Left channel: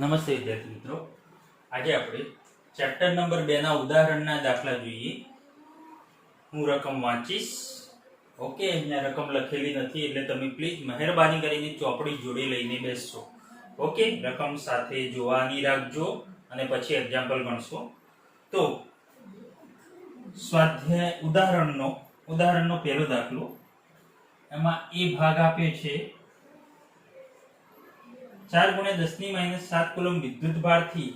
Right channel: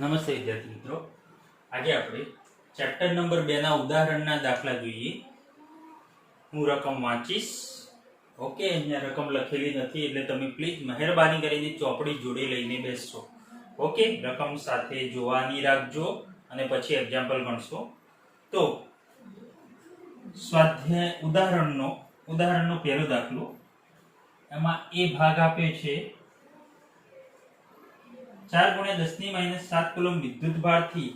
નમસ્તે વિદ્યાર્થી મિત્રો, આજે આપણે ચેપ્ટર નંબર 2 ના ઉદાહરણના દાખલા જોઈએ. હું રકમ વાંચીશ. ઓકે, અહીંયા રકમ લખેલી નથી એટલે તમે પ્લીઝ મહેરબાની કરીને ચોપડી જોડે લઈને બેસજો. ઓકે, રકમ સાથે જોવાની રાખજો અને પછી એક્ઝામ્પલ ગણશો. તો સ્વાધ્યાય ઉદાહરણનો પહેલો દાખલો, એમાં એ ભાગ આપ્યો છે 4 × 10⁻7 કુલમ વિદ્યુત ભારથી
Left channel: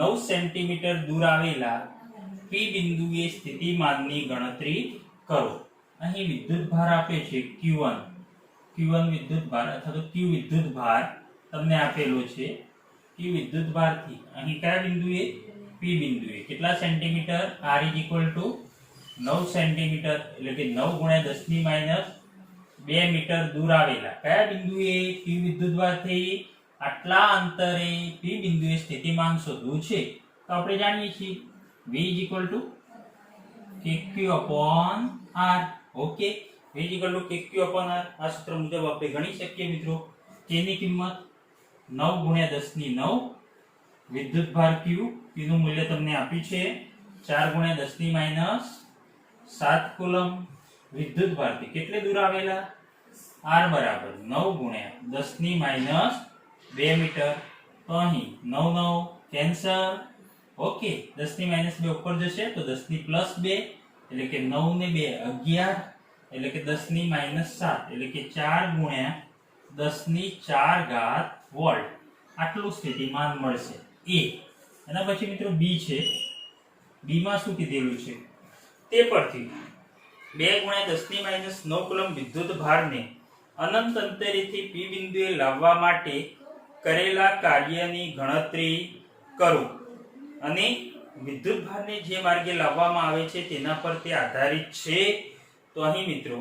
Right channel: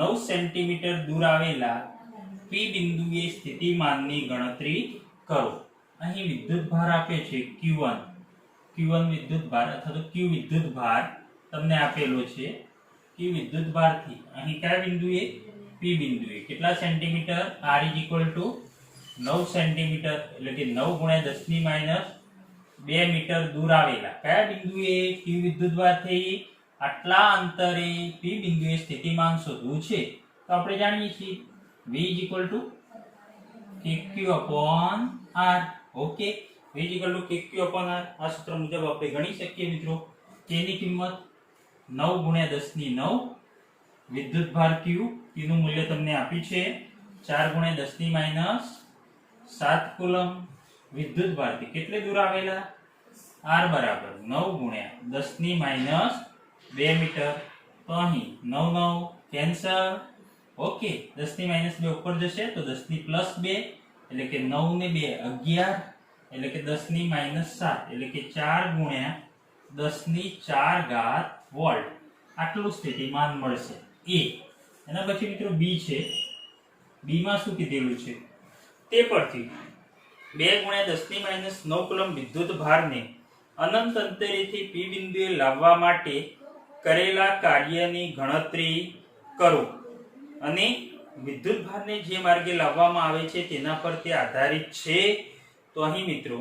9 સેન્ટીમીટર દૂર આવેલા પી બિંદુએ સ્થિતિમાનની ગણતરી કરો. અહીં વિદ્યુત ભાર આપે છે Q1 વિદ્યુત ભાર અથવા તો Q વિદ્યુત ભાર તમને આપેલો છે. Q વિદ્યુત ભારથી અહીં કયા બિંદુએ? P બિંદુએ કેટલા સેન્ટીમીટર? R = 9 સેન્ટીમીટર, એટલે કે 9 × 10⁻2 મીટર દૂર આવેલા કયા બિંદુએ? Q વિદ્યુત ભારથી આટલા અંતરે P બિંદુએ સ્થિતિમાન શોધવું છે. તો આપણે જાણીએ છીએ V = kq/r. Okay, V = kq/r. આ સૂત્ર મુજબ આપણે ગણી શકીએ મિત્રો. તેની કિંમત 9 × 10⁹ વિદ્યુત ભાર Q, તેનું મૂલ્ય તમને આપ્યું છે 4 × 10⁻7 કુલમ. વિદ્યુત ભારથી કેટલે દૂર આવેલા? R બરાબર 9 × 10⁻2 મીટર. તો અહીં 9 9 કેન્સલ. ઓકે, 10⁻2 ઉપર જશે તો 10⁻2 એટલે કે 9 ને 2 11, એટલે કે 10⁻7 એટલે કે 4 × 10⁴ વોલ્ટ. આટલું સ્થિતિમાન મળશે. A. એના પછી મિત્રો B છે. B માં શું કીધેલું છે તે પરથી 2 × 10⁻9 કુલમ વિદ્યુત ભારને અનંત અંતરેથી P બિંદુએ લાવવા માટે કરેલા કાર્યની ગણતરી કરો. અને વિદ્યુત ભારને જે માર્ગે લાવવામાં આવે છે તેના પર તે આધારિત છે. તો અહીં મિત્રો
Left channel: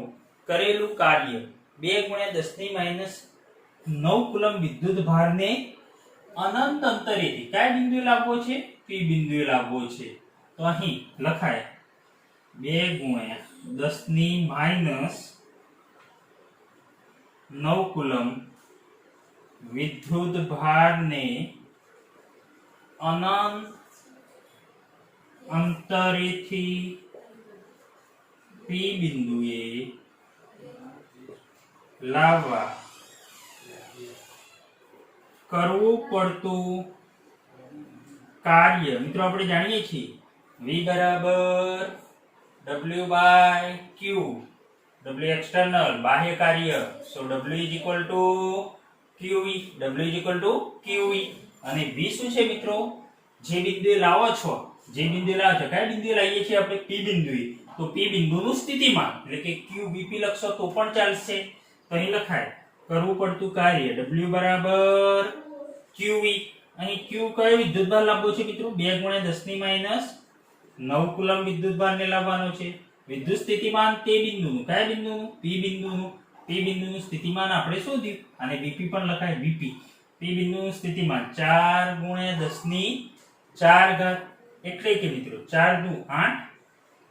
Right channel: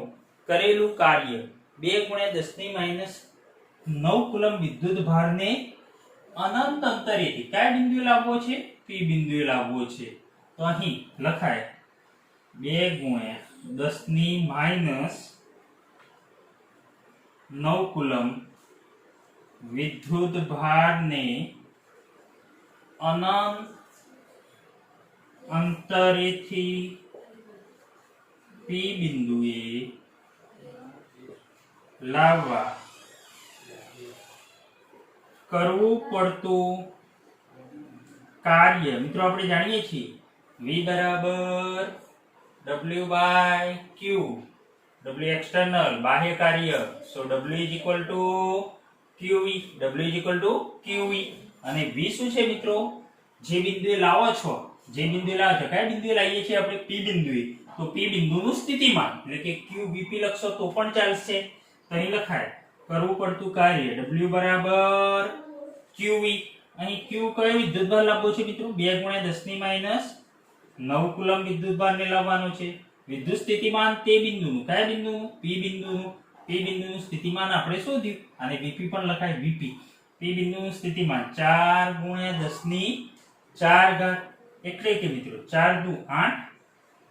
કરેલું કાર્ય 2 × 10⁻9 કુલમ વિદ્યુત ભારને અનંત અંતરેથી કયા બિંદુએ લાવવો છે? P બિંદુએ લાવવો છે. તો અહીં લખાય 2 × 10⁻9 કુલમ વિદ્યુત ભારને અનંત અંતરેથી P બિંદુએ લાવવા કરવું પડતું કાર્ય. મિત્રો આપણે જાણીએ છીએ V બરાબર W/Q. W એક્સટર્નલ બાહ્ય કાર્ય, so W QV. W QV. અને V શું છે મિત્રો? જે બિંદુએ લાવો છો, કયા બિંદુએ લાવીએ છીએ આપણે? P બિંદુએ. તો P બિંદુનું સ્થિતિમાન એટલે કે QVP લખશો તો પણ ચાલશે. તો અહીં લખાય કરવું પડતું કાર્ય W બરાબર QV. અહીં Q કયો વિદ્યુત ભાર લાવવો છે મિત્રો? 2 × 10⁻9 કુલમ વિદ્યુત ભારને લાવવાનો છે. વિદ્યુત સ્થિતિમાન તે બિંદુનું, કયા બિંદુનું? P બિંદુનું. P બિંદુનું સ્થિતિમાન આપણે શોધ્યું અને Vp પણ લખાય Vp. P બિંદુનું સ્થિતિમાન 4 × 10⁴ એટલે કે મિત્રો 4 દુ 8,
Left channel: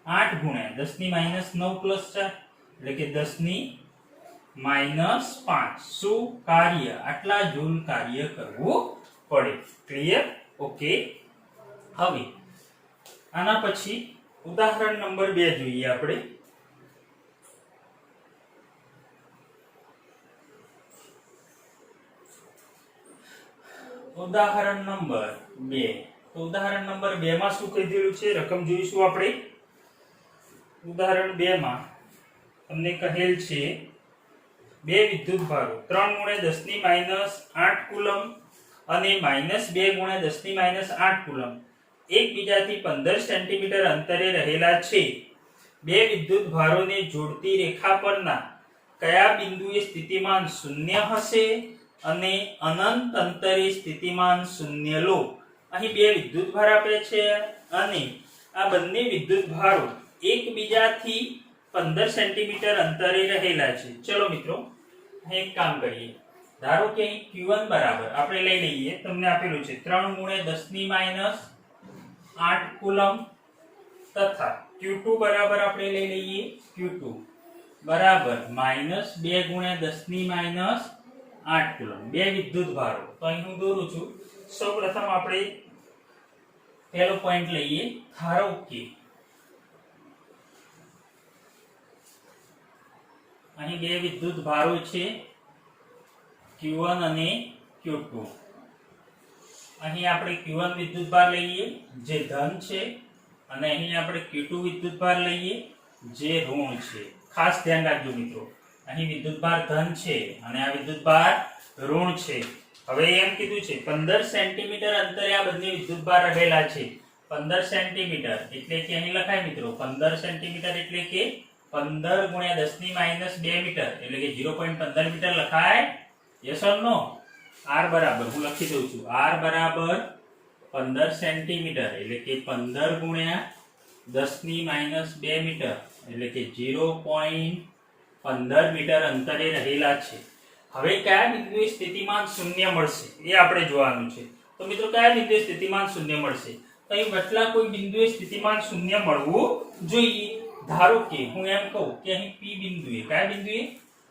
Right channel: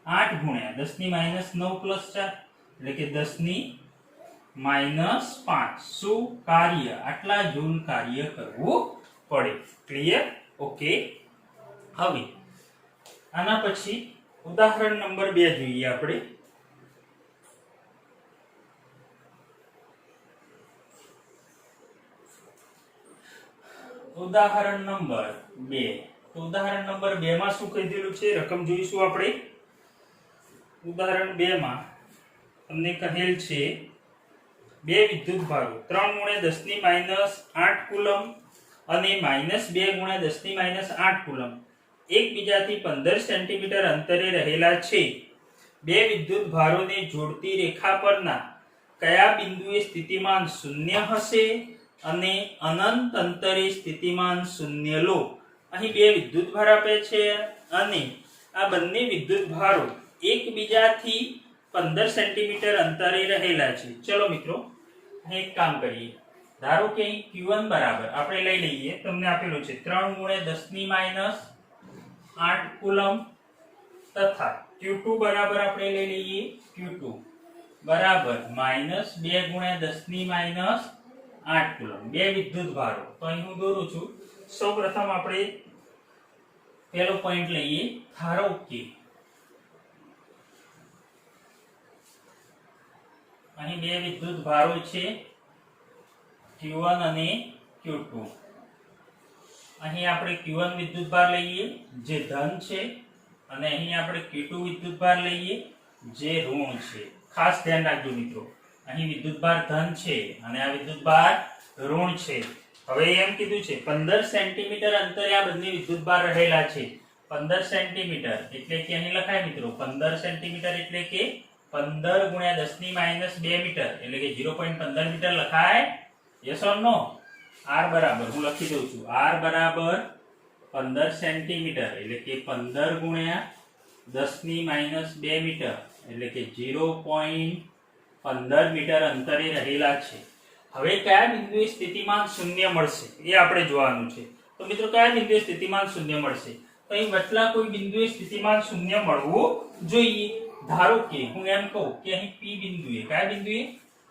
8 × 10⁻9 + 4 એટલે કે 10⁻5. શું કાર્ય? આટલા જૂલ કાર્ય કરવું પડે. ક્લિયર? ઓકે. હવે આના પછી ઉદાહરણ નંબર 2 જોઈએ આપણે. ઉદાહરણ નંબર 2. તો ઉદાહરણ નંબર 2 માં શું કીધેલું છે? રકમ જોઈશું આપણે. ઉદાહરણ 2 માં તમને કહેલ છે બે વિદ્યુત ભારો 3 × 10⁻8 કુલમ અને -2 × 10⁻8 કુલમ એકબીજાથી 15 સેન્ટીમીટર અંતરે રહેલા છે. બે વિદ્યુત ભારોને જોડતી રેખા પરના કયા બિંદુએ સ્થિતિમાન 0 હશે અને અનંત અંતરે સ્થિતિમાન 0 લો. અહીં બે વિદ્યુત ભાર આપે છે અને આ બંને વિદ્યુત ભારો એકબીજાથી 15 સેન્ટીમીટર અંતરે રહેલા છે. ચલો મિત્રો એક કામ કરીએ. ધારો કે Q1 બરાબર આપણે લઈ લઈએ, તમને આપેલું છે 3 × 10⁻8 કુલમ તથા Q2 બરાબર આપણે લઈ લઈએ Q2 બરાબર -2 × 10⁻ 8 કુલમ. બે વિદ્યુત ભારો. તો અહીં હું દોરું છું. સૌપ્રથમ આપણે પહેલો પોઈન્ટ લઈએ. ધારો કે અહીં બે વિદ્યુત ભારો છે Q1 અને Q2. અહીં આપણે Q1 વિદ્યુત ભાર લઈએ જે ધન છે અને અહીં આપણે Q2 વિદ્યુત ભાર લઈએ જે ઋણ છે. ખાસ ધ્યાન રાખજો મિત્રો, અહીં વિદ્યુત ભાર ધન છે અને આ વિદ્યુત ભાર ઋણ છે. હવે એમ કીધું છે 15 સેન્ટીમીટર અંતરે આ બંને વિદ્યુત ભાર રહેલા છે. 15 સેન્ટીમીટર એટલે કે અહીં લખાય મિત્રો 15 સેન્ટીમીટર એટલે કે 15 ગુણ્યા 10 ની માઈનસ 2 મીટર એટલે કે 0.15 મીટર લખાય. Yes or no? r બરાબર હું લખી દઉં છું. r બરાબર 15 સેન્ટીમીટર એટલે કે 15 ગુણ્યા 10 ની માઈનસ 2 મીટર એટલે કે 0.15 મીટર અંતરે રહેલા છે. હવે કયા બિંદુએ સ્થિતિમાન શૂન્ય મળશે એ આપણે જોવાનું છે. તો મિત્રો કયા બિંદુએ સ્થિતિમાન શૂન્ય મળશે? તો અહીં વટલા કોઈ બિંદુએ સ્થિતિમાન શૂન્ય મળવું જોઈએ. ધારો કે હું એમ કહું કે અહીં P બિંદુએ, કયા બિંદુએ?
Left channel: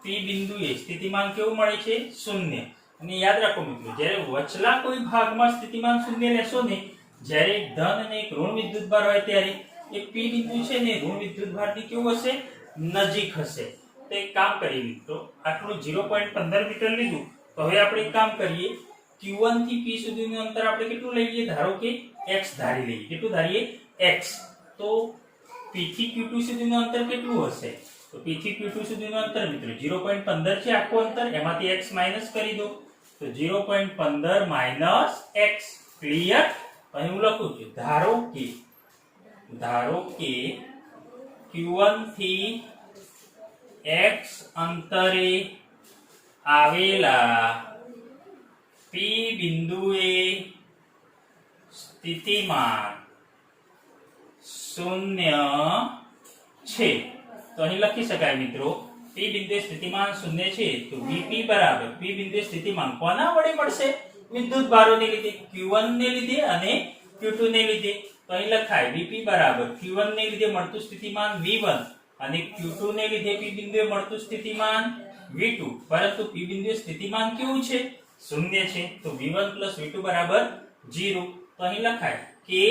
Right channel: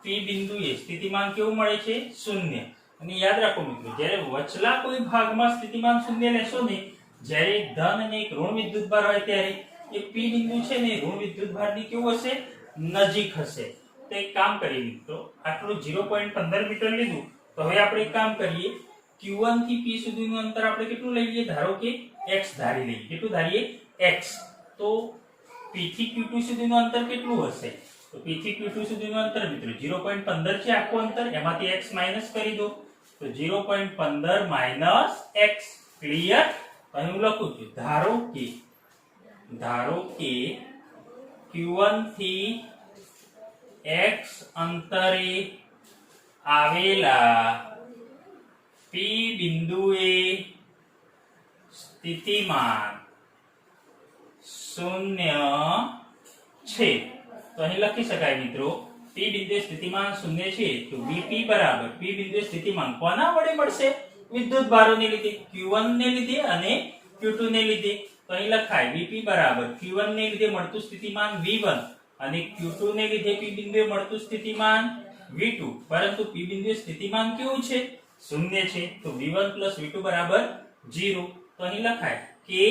P બિંદુએ સ્થિતિમાન કેવું મળે છે? શૂન્ય. અને યાદ રાખો મિત્રો, જ્યારે વચલા કોઈ ભાગમાં સ્થિતિમાન શૂન્ય લેશો ને, જ્યારે ધન અને ઋણ વિદ્યુત ભાર હોય ત્યારે એ P બિંદુ છે ને ઋણ વિદ્યુત ભારની કેવું હશે? નજીક હશે. તો એક કામ કરીએ મિત્રો, આટલું 0.15 મીટર લીધું. તો હવે આપણે એક કામ કરીએ, Q1 થી P સુધીનું અંતર આપણે કેટલું લઈએ? ધારો કે x ધારી લઈએ. કેટલું ધારીએ? x. તો P થી Q2 સુધીનું અંતર કેટલું હશે? તો P થી Q2 સુધીનું અંતર મિત્રો 0.15 છે આખું અંતર, એમાંથી x માઈનસ કરી દો. તો 0.15 માઈનસ x. ક્લિયર? અહીં હું લખું છું, ધારો કે Q1 થી x અંતરે આવેલા P બિંદુએ સ્થિતિમાન શૂન્ય છે. તો અહીં લખી શકાય મિત્રો, P બિંદુએ સ્થિતિમાન શૂન્ય છે તો Vp બરાબર P બિંદુએ સ્થિતિમાન કોના વડે મળશે? વિદ્યુત ભારોને લીધે, Q1 ને લીધે અને Q2 ને લીધે. તો અહીં લખાય Vp બરાબર Q1 ને લીધે મળતું સ્થિતિમાન V1 અને Q2 ને લીધે P બિંદુએ મળતું સ્થિતિમાન V2. પરંતુ P બિંદુએ સ્થિતિમાન કેવું છે? શૂન્ય છે. તો V1 V2 બરાબર 0. તો અહીં લખાય કે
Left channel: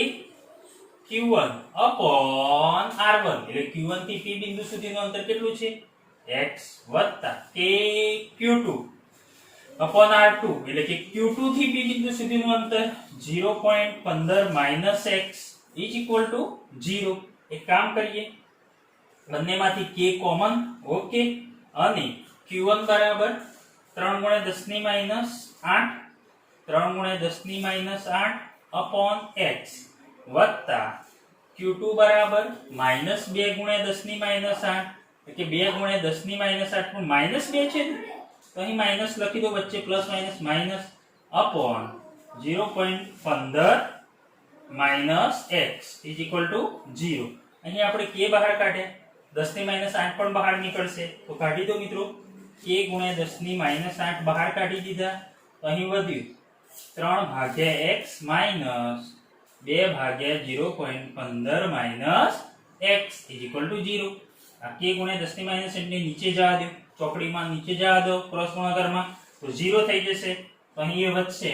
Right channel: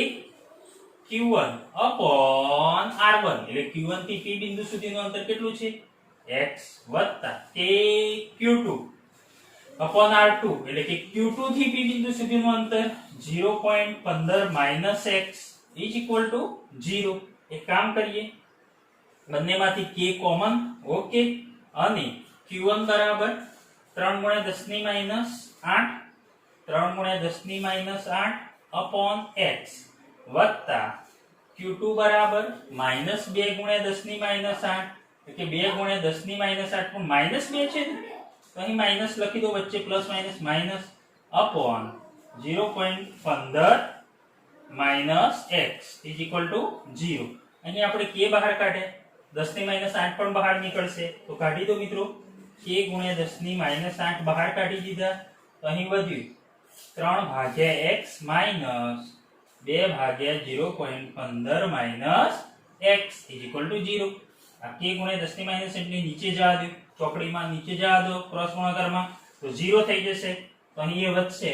Q1 upon R1 એટલે Q1 થી P બિંદુ સુધીનું અંતર કેટલું છે? x વત્તા કે Q2 upon R2 એટલે કે Q2 થી P બિંદુ સુધીનું અંતર 0.15 minus x is equal to 0. એક કામ કરીએ, બંનેમાંથી k કોમન. ઓકે. અને Q1 બરાબર 3 ગુણ્યા 10 ની માઈનસ 8 3 ગુણ્યા 10 ની માઈનસ 8 upon x વત્તા Q2 બરાબર માઈનસ 2 ગુણ્યા 10 ની માઈનસ 8 એટલે કે 2 ગુણ્યા 10 ની માઈનસ 8 પણ માઈનસ 2 છે તો અહીં માઈનસ લખી દો, વચ્ચે plus minus minus upon 0.15 minus x is equal to 0. અહીં આપણે k બહાર કાઢ્યા, 10 ની માઈનસ 8 પણ બહાર નીકળશે તો કાઢી દો મિત્રો. k ગુણ્યા 10 ની માઈનસ 8 બહાર કાઢી દીધા તો અહીં વધ્યું 3 ભાગ્યા x માઈનસ 2 ભાગ્યા 0.15 minus x is equal to 0. આ k ગુણ્યા 10 ની માઈનસ એટલે નીચે જવા દો, ચોકડીમાં નીચે જવા દો ક્રોસ ગુણાકારમાં તો 0 થઈ જશે. તો અહીં એ વધશે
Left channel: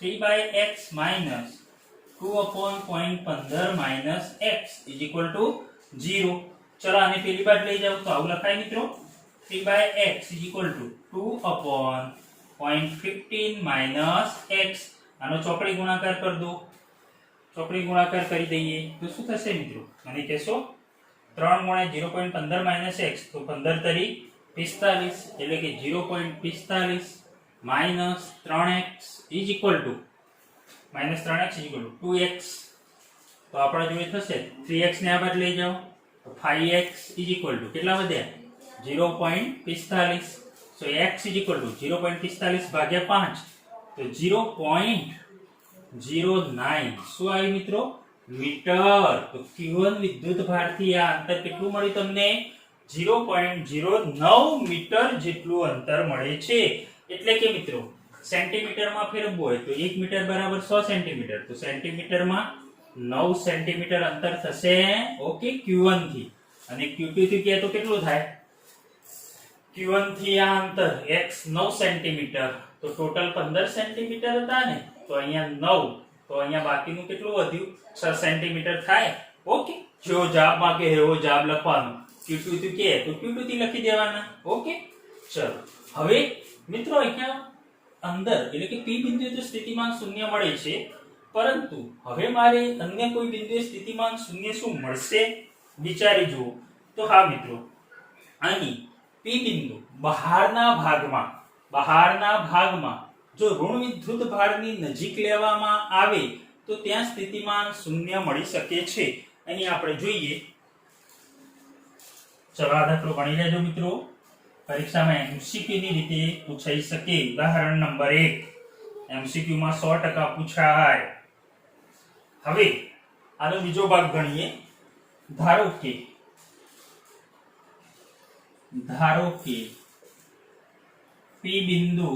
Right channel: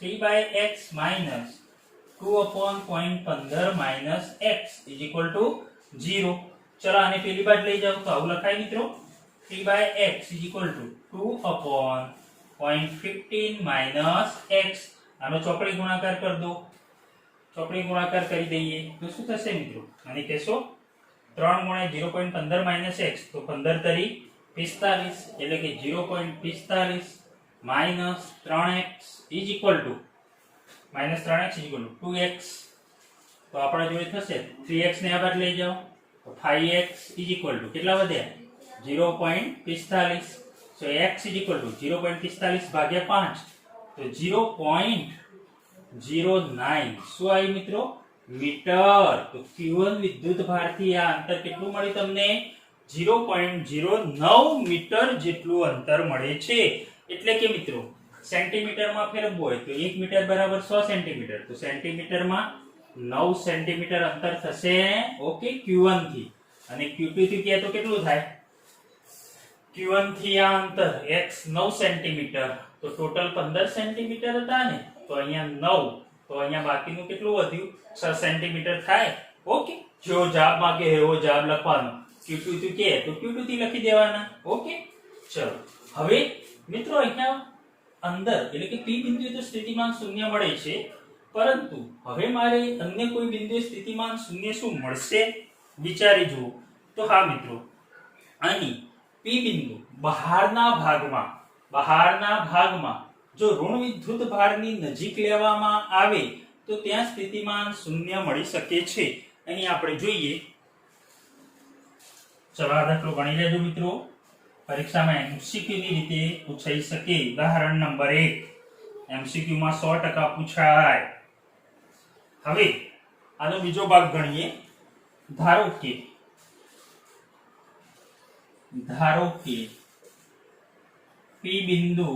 3/x minus 2 upon 0.15 minus x is equal to 0. ચલો આને પેલી બાજુ લઈ જાવ તો આવું લખાય મિત્રો, 3/x is equal to 2 upon 0.15 minus x. આનો ચોકડી ગુણાકાર કરી દો, ચોકડી ગુણાકાર કરી દઈએ તો શું થશે મિત્રો? અને કહેશો 3 ગુણ્યા 0.15 માઈનસ x તો 15 તરી 45 એટલે કે 0.45 minus 3x is equal to minus 3x is equal to 2x. તો આપણા જોડે થશે 3x ને આ બાજુ લઈ જાઓ તો 5x is equal to કેટલા વધ્યા? 0.45. so x is equal to 0.45 ભાગ્યા 5 તો 0.09 શું આવી મિત્રો? મીટર. તો Q1 વિદ્યુત ભારથી આ અંતર કેટલું મળ્યું તમને? 0.09 મીટર જેટલું અંતર મળે છે. એટલે કે મિત્રો સેન્ટીમીટરમાં ફેરવવું હોય તો 1 મીટર બરાબર 100 સેન્ટીમીટર. તો સેન્ટીમીટરમાં 9 સેન્ટીમીટર અંતર થશે. ઓકે. Q1 થી અને Q2 થી કે તો કેટલું થાય? Q1 થી આ અંતર x 9 સેન્ટીમીટર, તો ટોટલ 15 સેન્ટીમીટર હતા ને, તો અહીંયા 9, તો અહીંયા બાકીનું કેટલું વધ્યું? 6 સેન્ટીમીટર થાય. ઓકે, જો જવાબ માંગે એવો જવાબ લખવાનો. Q2 થી કે તો Q2 થી લખી દેવાના. ઓકે, ચલો હવે મિત્રો અહીંયા અંદર એટલે કે P બિંદુએ તો સ્થિતિમાન શૂન્ય મળે છે, પરંતુ હવે મારે અન્ય કોઈ બિંદુએ સ્થિતિમાન શૂન્ય શું મળશે વિચારી જુઓ. તો હા મિત્રો, અહીં P બિંદુ બહારના ભાગમાં જો ઋણ વિદ્યુત ભારની નજીક લેવામાં આવે તો ત્યાં સ્થિતિમાન શૂન્ય મળી શકે છે. અહીં આપણે જોઈએ, ચલો આ દાખલો ગણી લેજો મિત્રો, પરીક્ષામાં MCQ ની રીતે પૂછાઈ શકે. ઉદાહરણ નંબર 1 MCQ માં 100% પૂછાય. હવે આનો બીજો ભાગ ગણીએ. ધારો કે P બિંદુ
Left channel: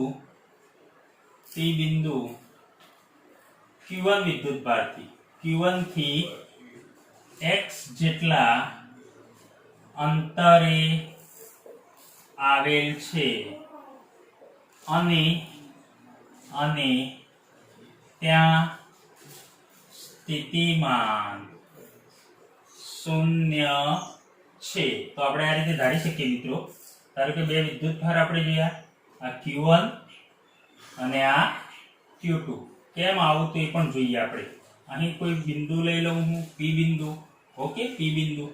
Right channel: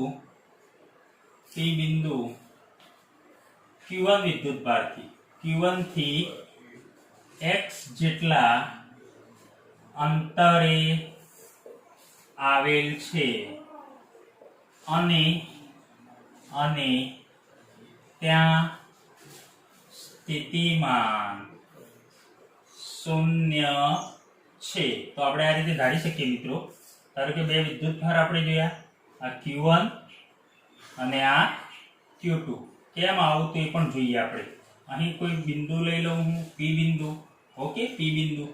Q1 વિદ્યુત ભારથી Q1 થી x જેટલા અંતરે આવેલ છે અને ત્યાં સ્થિતિમાન શૂન્ય છે. તો આપણે આ રીતે ધારી શકીએ મિત્રો. ધારો કે બે વિદ્યુત ભાર આપણે જોયા, આ Q1 અને આ Q2. કેમ આવું તો એ પણ જોઈએ આપણે. અહીં કોઈ બિંદુ લઈ લઉં હું, P બિંદુ. ઓકે, P બિંદુ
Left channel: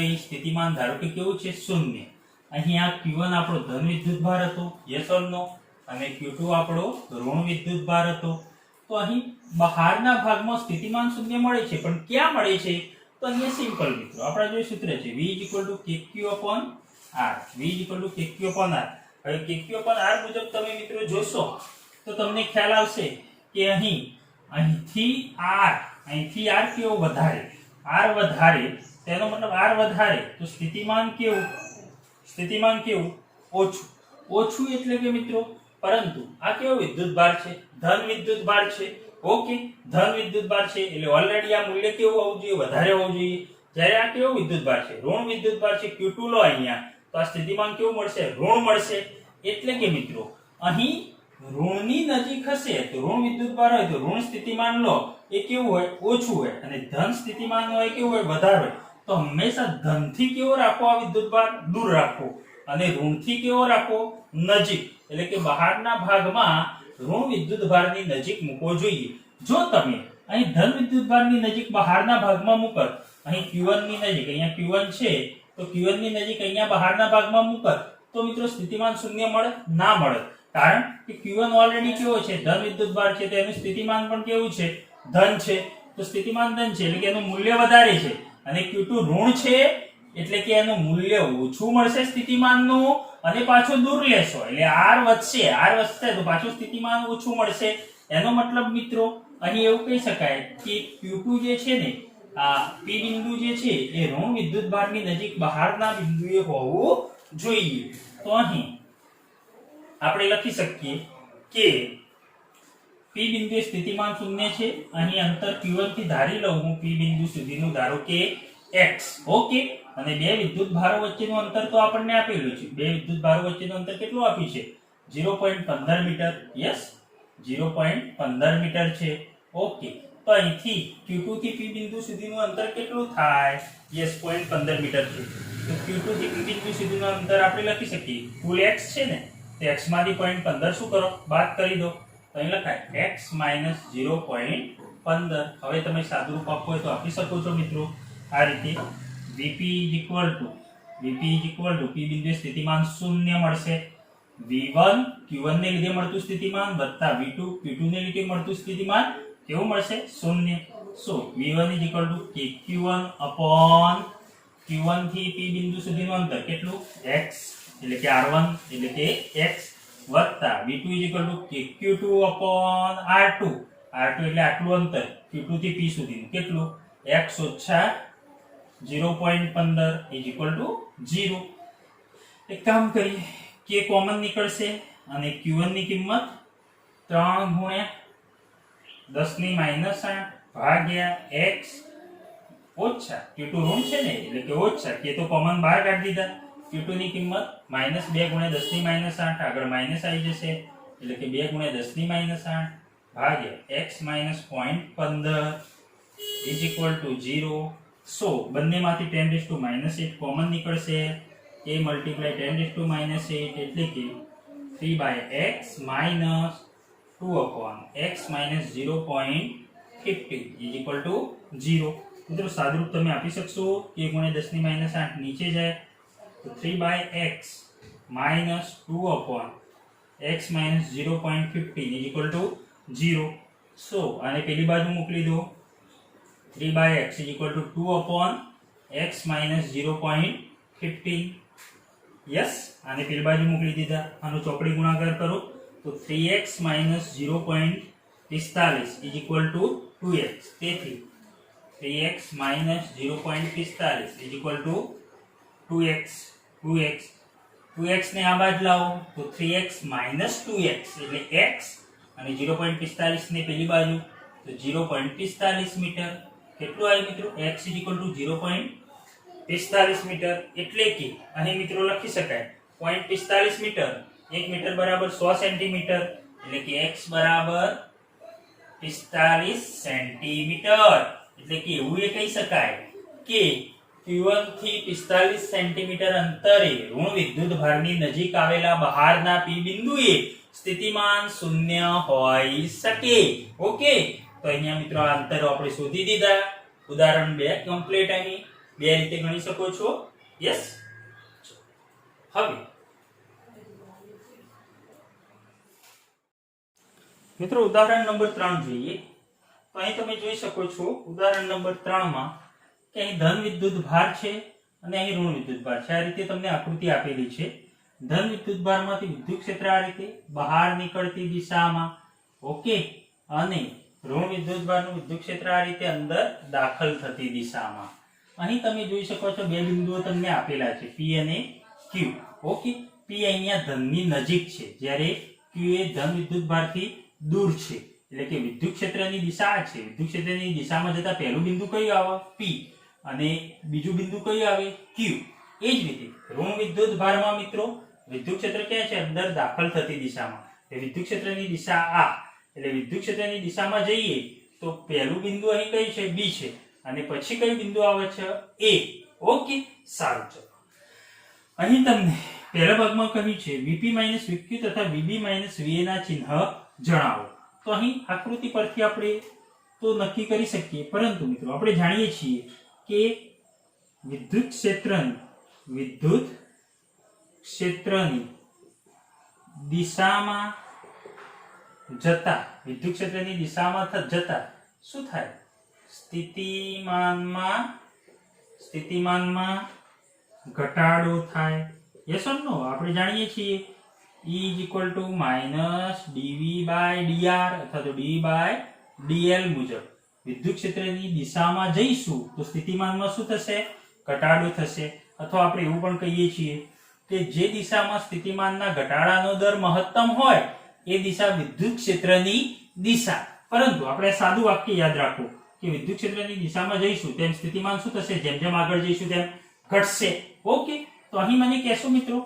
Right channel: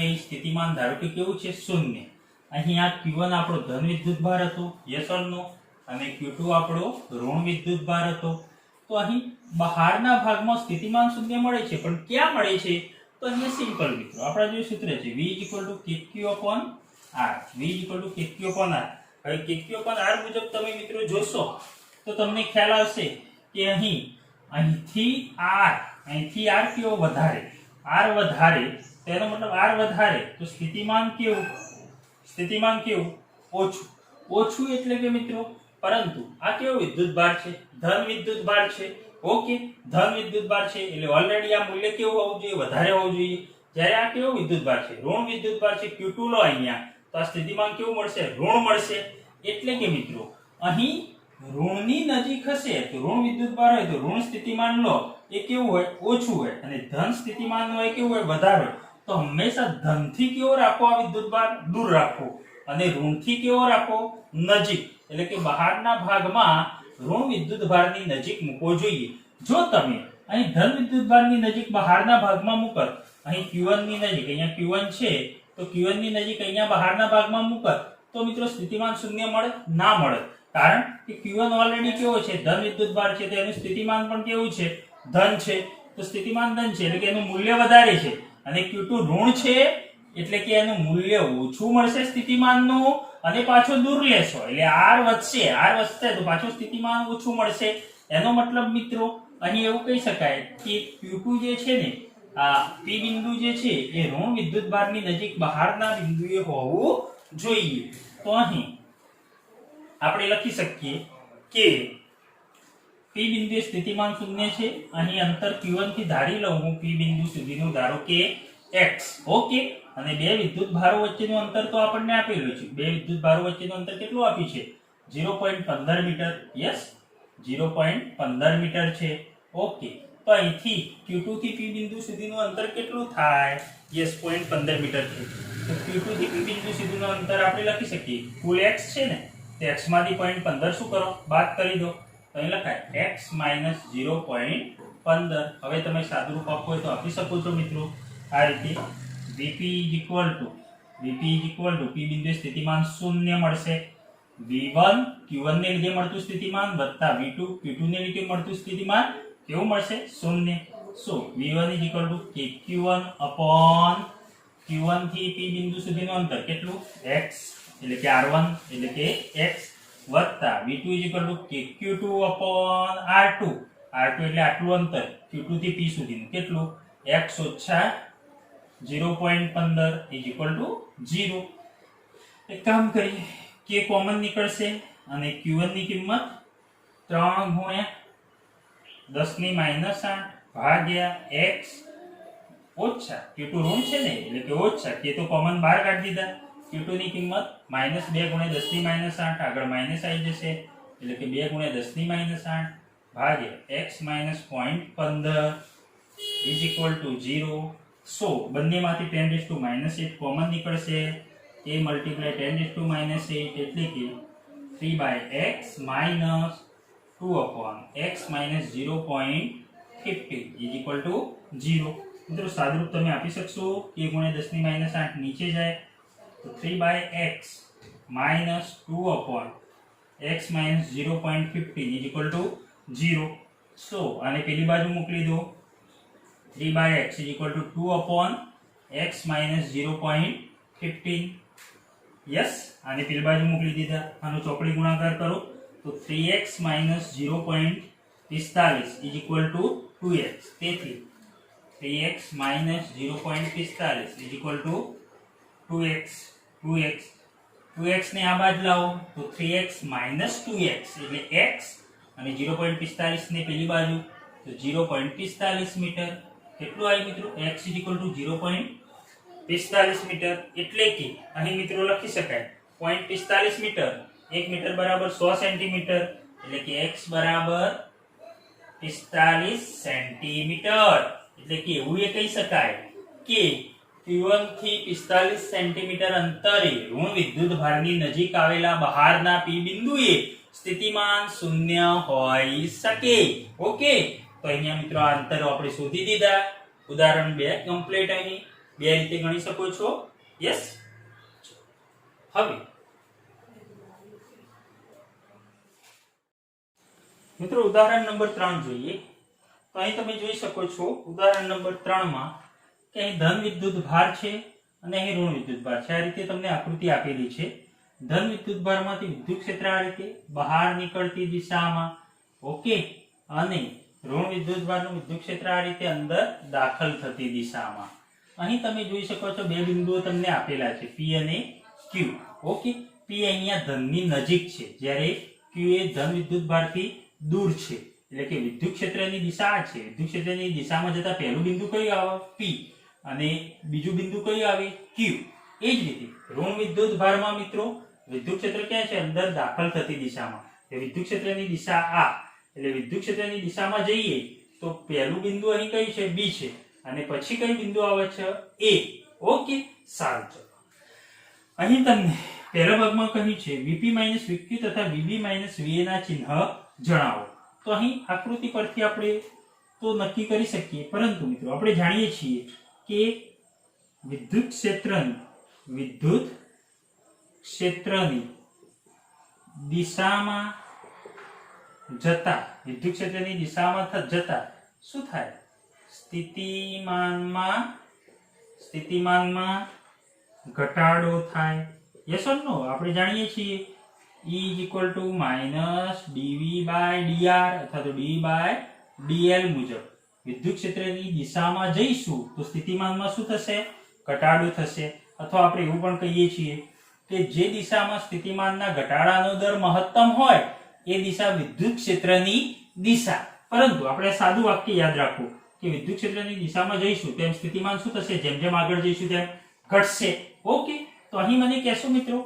અહીં સ્થિતિમાન ધારો કે કેવું છે? શૂન્ય. અહીં આ Q1 આપણો ધન વિદ્યુત ભાર હતો, યસ ઓર નો, અને Q2 આપણો ઋણ વિદ્યુત ભાર હતો. તો અહીં બહારના ભાગમાં સ્થિતિમાન શૂન્ય મળે છે, પણ ક્યાં મળે છે? તો અહીંયા સિમ્પલ મિત્રો, આપણા જે સૂત્ર છે V = KQ/R. હવે KQ/R મુજબ તમે મિત્રો જોશો તો તમને ખ્યાલ આવશે કે અહીંથી R કેવો વધારે, R વધારે, તેનો મતલબ R વધારે તો સ્થિતિમાન કેવું? ઓછું એટલે કે મિત્રો, પરંતુ આ કેવો વિદ્યુત ભાર છે? ધન વિદ્યુત ભાર છે. ઓકે, ધન વિદ્યુત ભાર છે એટલે ઓલરેડી આ મૂલ્ય કેવું હોવું જોઈએ? વધારે હોવું જોઈએ. જ્યારે આ કેવો વિદ્યુત ભાર છે? ઋણ વિદ્યુત ભાર છે. Q2 લો અહીંયા, તો આ સ્થિતિમાન કેવું મળશે? ઋણ મળશે. એટલે કે મિત્રો અહીં ઋણની નજીક હશે તો ઋણ વિદ્યુત ભાર હોય તો ઋણ સ્થિતિમાન લો એ કેવું હોય? ઓછું હોય. અને ધન સ્થિતિમાન હોય કેવું હોય? વધારે હોય. તો હંમેશા ધનથી કેવો રાખો આ વિદ્યુત ભાર? દૂર રાખો. અને ઋણથી કેવો રાખો? નજીક. એટલે કે બહારના ભાગમાં ઋણ વિદ્યુત ભારની નજીક મૂકવો જોઈએ. જો તમે અહીં ધન વિદ્યુત ભારની નજીક બહારના ભાગમાં મૂકો, અહીં Q1 ની નજીક, અહીંયા Q1 છે તો Q1 ની નજીક અહીંયા બહારના ભાગમાં મૂકો, તો મિત્રો સ્થિતિમાન શૂન્ય મળે? ના મળે. કારણ કે Q1 ઓલરેડી કેવો છે? ધન વિદ્યુત ભાર છે, તો એનું સ્થિતિમાન પણ કેવું છે? ધન છે. તો સ્થિતિમાન ધન છે એટલે કે એનું મૂલ્ય વધારે છે, અને Q2 ઋણ છે એટલે કે એનું મૂલ્ય ઓછું મળશે સ્થિતિમાનનું, અને પાછું દૂર લેશો એટલે R વધશે તો પાછું સ્થિતિમાન ઓછું મળશે. એનો મતલબ મિત્રો અહીં એવું કહી શકાય કે Q2 જે છે ને, આ P બિંદુ જે છે એ ઋણ વિદ્યુત ભારની નજીક બહારના બિંદુએ હોવું જોઈએ. તો અહીં આપણે લખી શકીએ કે P બિંદુએ સ્થિતિમાન શૂન્ય છે. અહીં અંતર Q1 થી ધારી લઉં હું P બિંદુ સુધીનું, ધારો કે x. ઓકે, અને બે વિદ્યુત ભારો વચ્ચેનું અંતર તો આપણને આપેલું છે. બે વિદ્યુત ભારો વચ્ચેનું અંતર કેટલું આપ્યું છે? 0.15 મીટર. યસ, 0.15 મીટર છે. ઓકે, તો અહીંથી Q2 થી P બિંદુ સુધીનું અંતર કેટલું થાય? યસ, 0.15 મીટર છે. તો Q2 થી P બિંદુ સુધીનું અંતર આપણે લખી શકીએ. કુલ x છે ને, તો x માંથી 0.15 શું કરો? બાદ કરી દો. તો અહીં લખાય x - 0.15. હવે તમે સાદુરૂપ આપવું હોય તો આપી શકો છો મિત્રો આ રીતે. Vp P બિંદુએ સ્થિતિમાન શૂન્ય મળશે. V1 Q1 ને લીધે મળતું સ્થિતિમાન વત્તા V2 Q2 ને લીધે મળતું સ્થિતિમાન કેવું મળશે? શૂન્ય. સો V1 Q1 થી P બિંદુ સુધીનું અંતર કેટલું? x એટલે કે R1 એટલે કે x વત્તા V2 Q2/R2 એટલે આટલું અંતર Q2 થી P સુધીનું કેટલું? x ઓછા 0.15 0. એક કામ કરીએ, k કોમન નીકળશે અને Q1 ની કિંમત 3 ગુણ્યા 10⁻8 ભાગ્યા x ઓછા Q2 ઋણ છે ને એટલે કે ઓછા, k તો કોમન બહાર કાઢી દીધા Q2 ની કિંમત -2 * 10 - 8 આગળ માઈનસ આવી જશે એટલે કે 2 * 10 - 8 ભાગ્યા x - 0.15 is equal to 0. સો બંનેમાંથી 10⁻⁻8 કોમન નીકળશે. a મલ્ટીપ્લાય 10⁻⁻8 એટલે કે 3/x - 2/x - 0.50 is equal to 0. મિત્રો સાદુરૂપ તમે આપી શકશો કે 1 * 10 - 8 નીચે જાય તો 3/x - 2/x - 0.50 is equal to 0. સો આને પેલી બાજુ મોકલી દો. 3/x is equal to 2/x - 0.15. Yes, આને પેલી બાજુ મોકલી દીધા. આનો ચોકડી ગુણાકાર કરો તો 3x - 0.45 is equal to 2x. તેથી 3x - 0.45 is equal to 2x. 2x ને આ બાજુ લાવો તો 3x - 2x એટલે x અને 0.45 ને પેલી બાજુ તો 0.45 મીટર. કેટલું આવ્યું મિત્રો? x is equal to 0.45 metre એટલે કે અહીં મિત્રો લખી શકાય 0.45 મીટર. 1 મીટર બરાબર 100 સેન્ટીમીટર એટલે કે x બરાબર 45 સેન્ટીમીટર. એટલે કે એવું એ કહી શકાય કે Q1 થી 45 સેન્ટીમીટર અંતરે ઋણ વિદ્યુત ભારની નજીક આવેલા બહારના P બિંદુએ સ્થિતિમાન 0 હોઈ શકે. ઓકે, તો અહીંયા મિત્રો આ અંતરો આપણે શોધી દીધા. ઉદાહરણ 2 કમ્પ્લીટ. અહીં બે રીતે ગણી શકો છો. યસ. હવે મિત્રો ઉદાહરણ નંબર 3 જોઈએ. તો અહીં તમે જોઈ શકો છો ઉદાહરણ નંબર 3 માં કે અહીં ધન વિદ્યુત ભાર છે અને અહીં ઋણ વિદ્યુત ભાર છે. આ રીતે તમને આકૃતિ આપેલી છે. ધન વિદ્યુત ભારમાંથી વિદ્યુત ક્ષેત્ર આ રીતે બહાર નીકળતી દિશામાં. ઓકે, અને ઋણ વિદ્યુત ભારનું વિદ્યુત ક્ષેત્ર આ રીતે અંદર દાખલ થતી દિશામાં. અહીં તમે જોઈ શકો છો બે બિંદુઓ તમને આપેલા છે P અને Q. ઓકે, P અહીંયા ધનની નજીક છે જ્યારે Q એ ધન વિદ્યુત ભારથી દૂર છે. એટલે કે વિદ્યુત ક્ષેત્રની દિશા આ છે. વિદ્યુત ક્ષેત્રની દિશામાં જતા પહેલું બિંદુ કયું આવે? P. અને બીજું બિંદુ કયું આવે? Q. એ જ રીતે ઋણ વિદ્યુત ભારમાં મિત્રો વિદ્યુત ક્ષેત્ર ક્યાં છે? અંદર દાખલ થતી દિશામાં. એટલે વિદ્યુત ક્ષેત્રની દિશા આ. એટલે વિદ્યુત ક્ષેત્રની દિશામાં જઈએ તો પહેલું બિંદુ અહીં કયું છે? B છે. અને પછી કયું બિંદુ આવે છે? A. ઓકે, સારું. ચલો અહીં તમને પહેલા ભાગમાં કહ્યું છે VP - VQ તથા VB - VA ના ચિહ્ન જણાવો. તો અહીં આકૃતિ પરથી આપણે તો નક્કી કરી શકીએ, પરંતુ મિત્રો આપણે જાણીએ છીએ કે વિદ્યુત ક્ષેત્રની દિશામાં જતા શું થાય? સ્થિતિમાનમાં ઘટાડો થાય. યસ ઓર નો? આપણે જાણીએ છીએ E is equal to -dV/dr અથવા તો dV/dl મુજબ વિદ્યુત ક્ષેત્રની દિશામાં જઈશું તો સ્થિતિમાનમાં શું થશે? ઘટાડો થશે. અથવા આપણે એવું પણ કહીએ છીએ કે જે દિશામાં સ્થિતિમાનના ઘટાડાનો દર મહત્તમ હોય એ દિશા વિદ્યુત ક્ષેત્રની દિશા. પરંતુ આપણે સાદું વાક્ય યાદ રાખો કે વિદ્યુત ક્ષેત્રની દિશામાં જઈશું તેમ સ્થિતિમાન શું થશે? જેમ જેમ આગળ જઈશું તેમ ઘટશે. ઓકે, તો અહીં મને કહેશો મિત્રો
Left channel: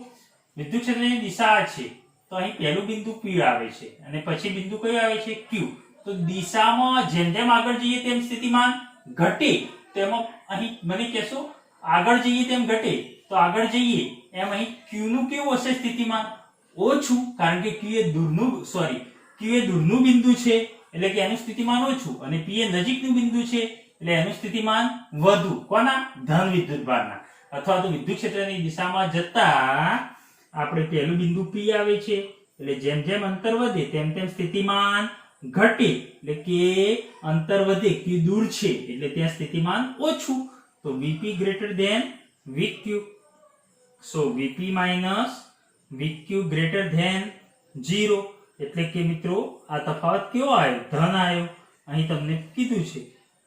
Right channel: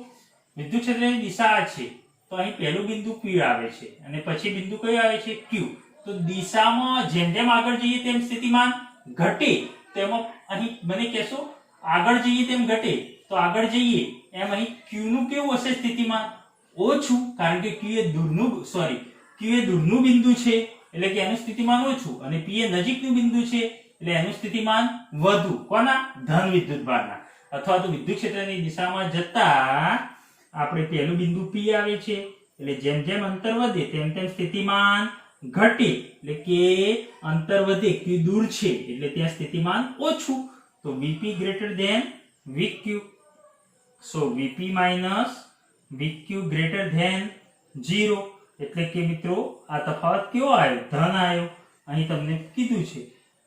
વિદ્યુત ક્ષેત્રની દિશા આ છે તો અહીં પહેલું બિંદુ P આવે છે અને પછી બિંદુ કયું આવે છે? Q. તો દિશામાં જેમ જેમ આગળ જઈએ તેમ સ્થિતિમાન ઘટે. તેમાં અહીં મને કહેશો આગળ જઈએ તેમ ઘટે તો આગળ જઈએ એમ અહીં Q નું કેવું હશે સ્થિતિમાન? ઓછું, કારણ કે Q એ દૂરનું બિંદુ છે એટલે કે એનું સ્થિતિમાન ઓછું અને P એ નજીકનું બિંદુ છે એટલે એનું સ્થિતિમાન વધુ. કોના? ધન વિદ્યુત ભારના. અથવા તો વિદ્યુત ક્ષેત્રની દિશામાં જતા આપણે પહેલું બિંદુ P આવે છે એટલે જેમ જેમ અંતર વધે તેમ તેમ સ્થિતિમાન ઘટે. એટલે કે અંતર વધે, Q દૂર છે એટલે ત્યાં સ્થિતિમાન ઓછું. તો VP greater than VQ. So VP - VQ greater than 0. એટલે કે મિત્રો આ તફાવત કેવો આવ્યો? ધન આવ્યો. અહીં તમને કીધું છે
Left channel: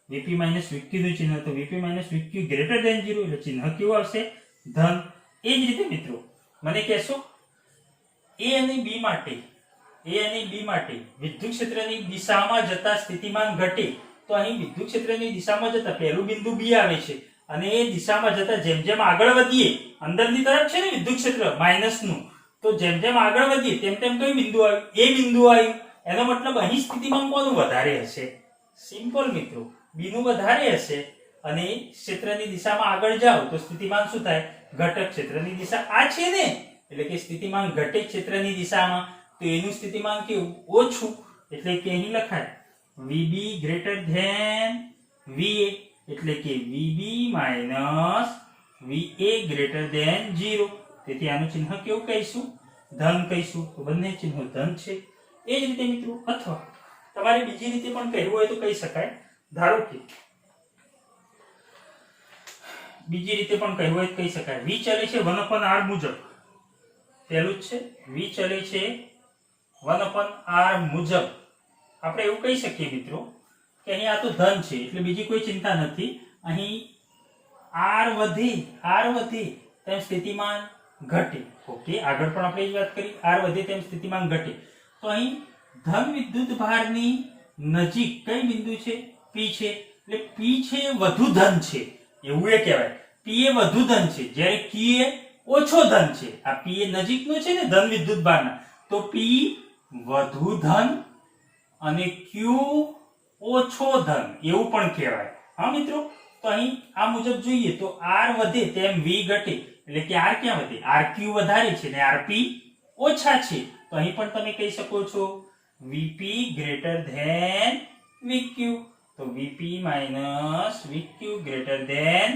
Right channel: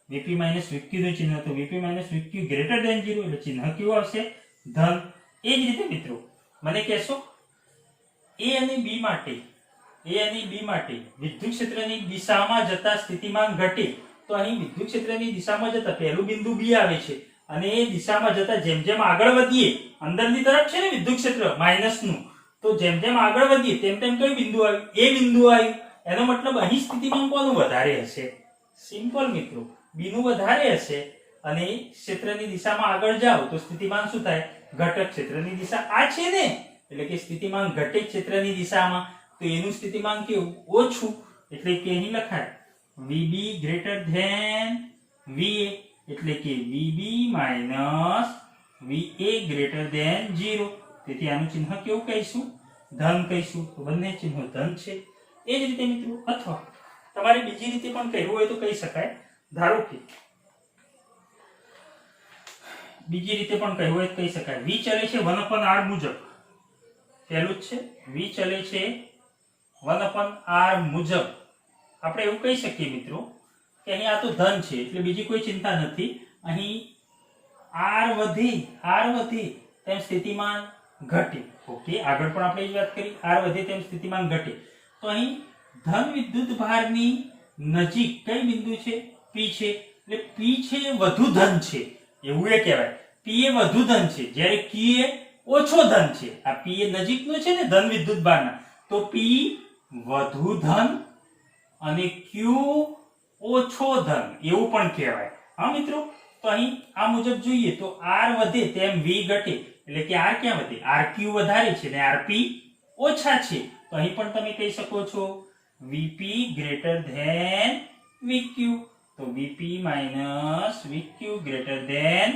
VP - VQ નું ચિહ્ન તો VP - VQ greater than 0 એટલે ચિહ્ન કેવું આવશે? ધન. એ જ રીતે મિત્રો મને કહેશો A અને B માટે વિદ્યુત ક્ષેત્રની દિશામાં જતા સ્થિતિમાન ઘટે. તો અહીં વિદ્યુત ક્ષેત્રની દિશામાં જતા પહેલું બિંદુ B આવે છે અને એ દિશામાં જતા જેમ જેમ આગળ વધીએ, અંદરની તરફ છે ને વિદ્યુત ક્ષેત્ર માઇનસ નું, તો જેમ જેમ આગળ વધીએ તેમ તેમ કયું બિંદુ આવ્યું? એ બિંદુ આવ્યું. એનો મતલબ અહીં સ્થિતિમાન કોનું વધારે હશે? સિમ્પલ મિત્રો, બી નું વધારે હશે. અને ક્ષેત્રની દિશામાં આગળ જાઓ તો સ્થિતિમાન શું થાય? ઘટક ક્ષેત્રની દિશા આ છે ને, એટલે કે સ્થિતિમાન ઘટક ક્ષેત્રની દિશામાં, તો એનું સ્થિતિમાન કેવું? ઓછું. એટલે કે અહીં લખાય VB ગ્રેટર ધેન VA, એટલે કે VB minus VA greater than 0. તેથી આનું ચિહ્ન કેવું કહીશું? ધન કહીશું. તો બંને ચિહ્નો ધન છે. એ જ રીતે મિત્રો, અથવા તમારે બીજી રીતે પણ કહેવું હોય તો કહી શકાય. ધારો કે બીજી રીતે પણ કહેવું હોય તો કહી શકાય, V ચલે છે 1/r મુજબ. પહેલું જ છે, V ચલે છે 1/r મુજબ. આપણે એવું કહી શકીએ મિત્રો કે અહીં આ તો ધન છે એટલે બીજી કોઈ ચિંતા નથી. અહીં r વધે તેમ સ્થિતિમાન ઘટે. ઓકે, આગળ પણ આપણે એ વાત કરી, r વધે તેમ સ્થિતિમાન ઘટે. તો અહીં ધન વિદ્યુત ભારની નજીક કઈ બિંદુ છે? P છે. એટલે P છે એ વધુ ધન છે, એવું એ કહેવાય. P એ વધુ ધન છે, જ્યારે Q એ ઓછો ધન છે. આ P એ નજીકનો છે ને ધન વિદ્યુત ભારના, તો P વધુ ધન અને Q ઓછો ધન એવું પણ કહેવાય. હા મિત્રો, તો અહીં આ મુજબ જોઈએ તો r વધે તેમ V ઘટે, એટલે કે r ક્યાં વધે? rq વધારે છે ને rp ઓછા છે. તો અહીં પણ તમે કહી શકો છો Vp ગ્રેટર ધેન Vq. તો Vp minus Vq greater than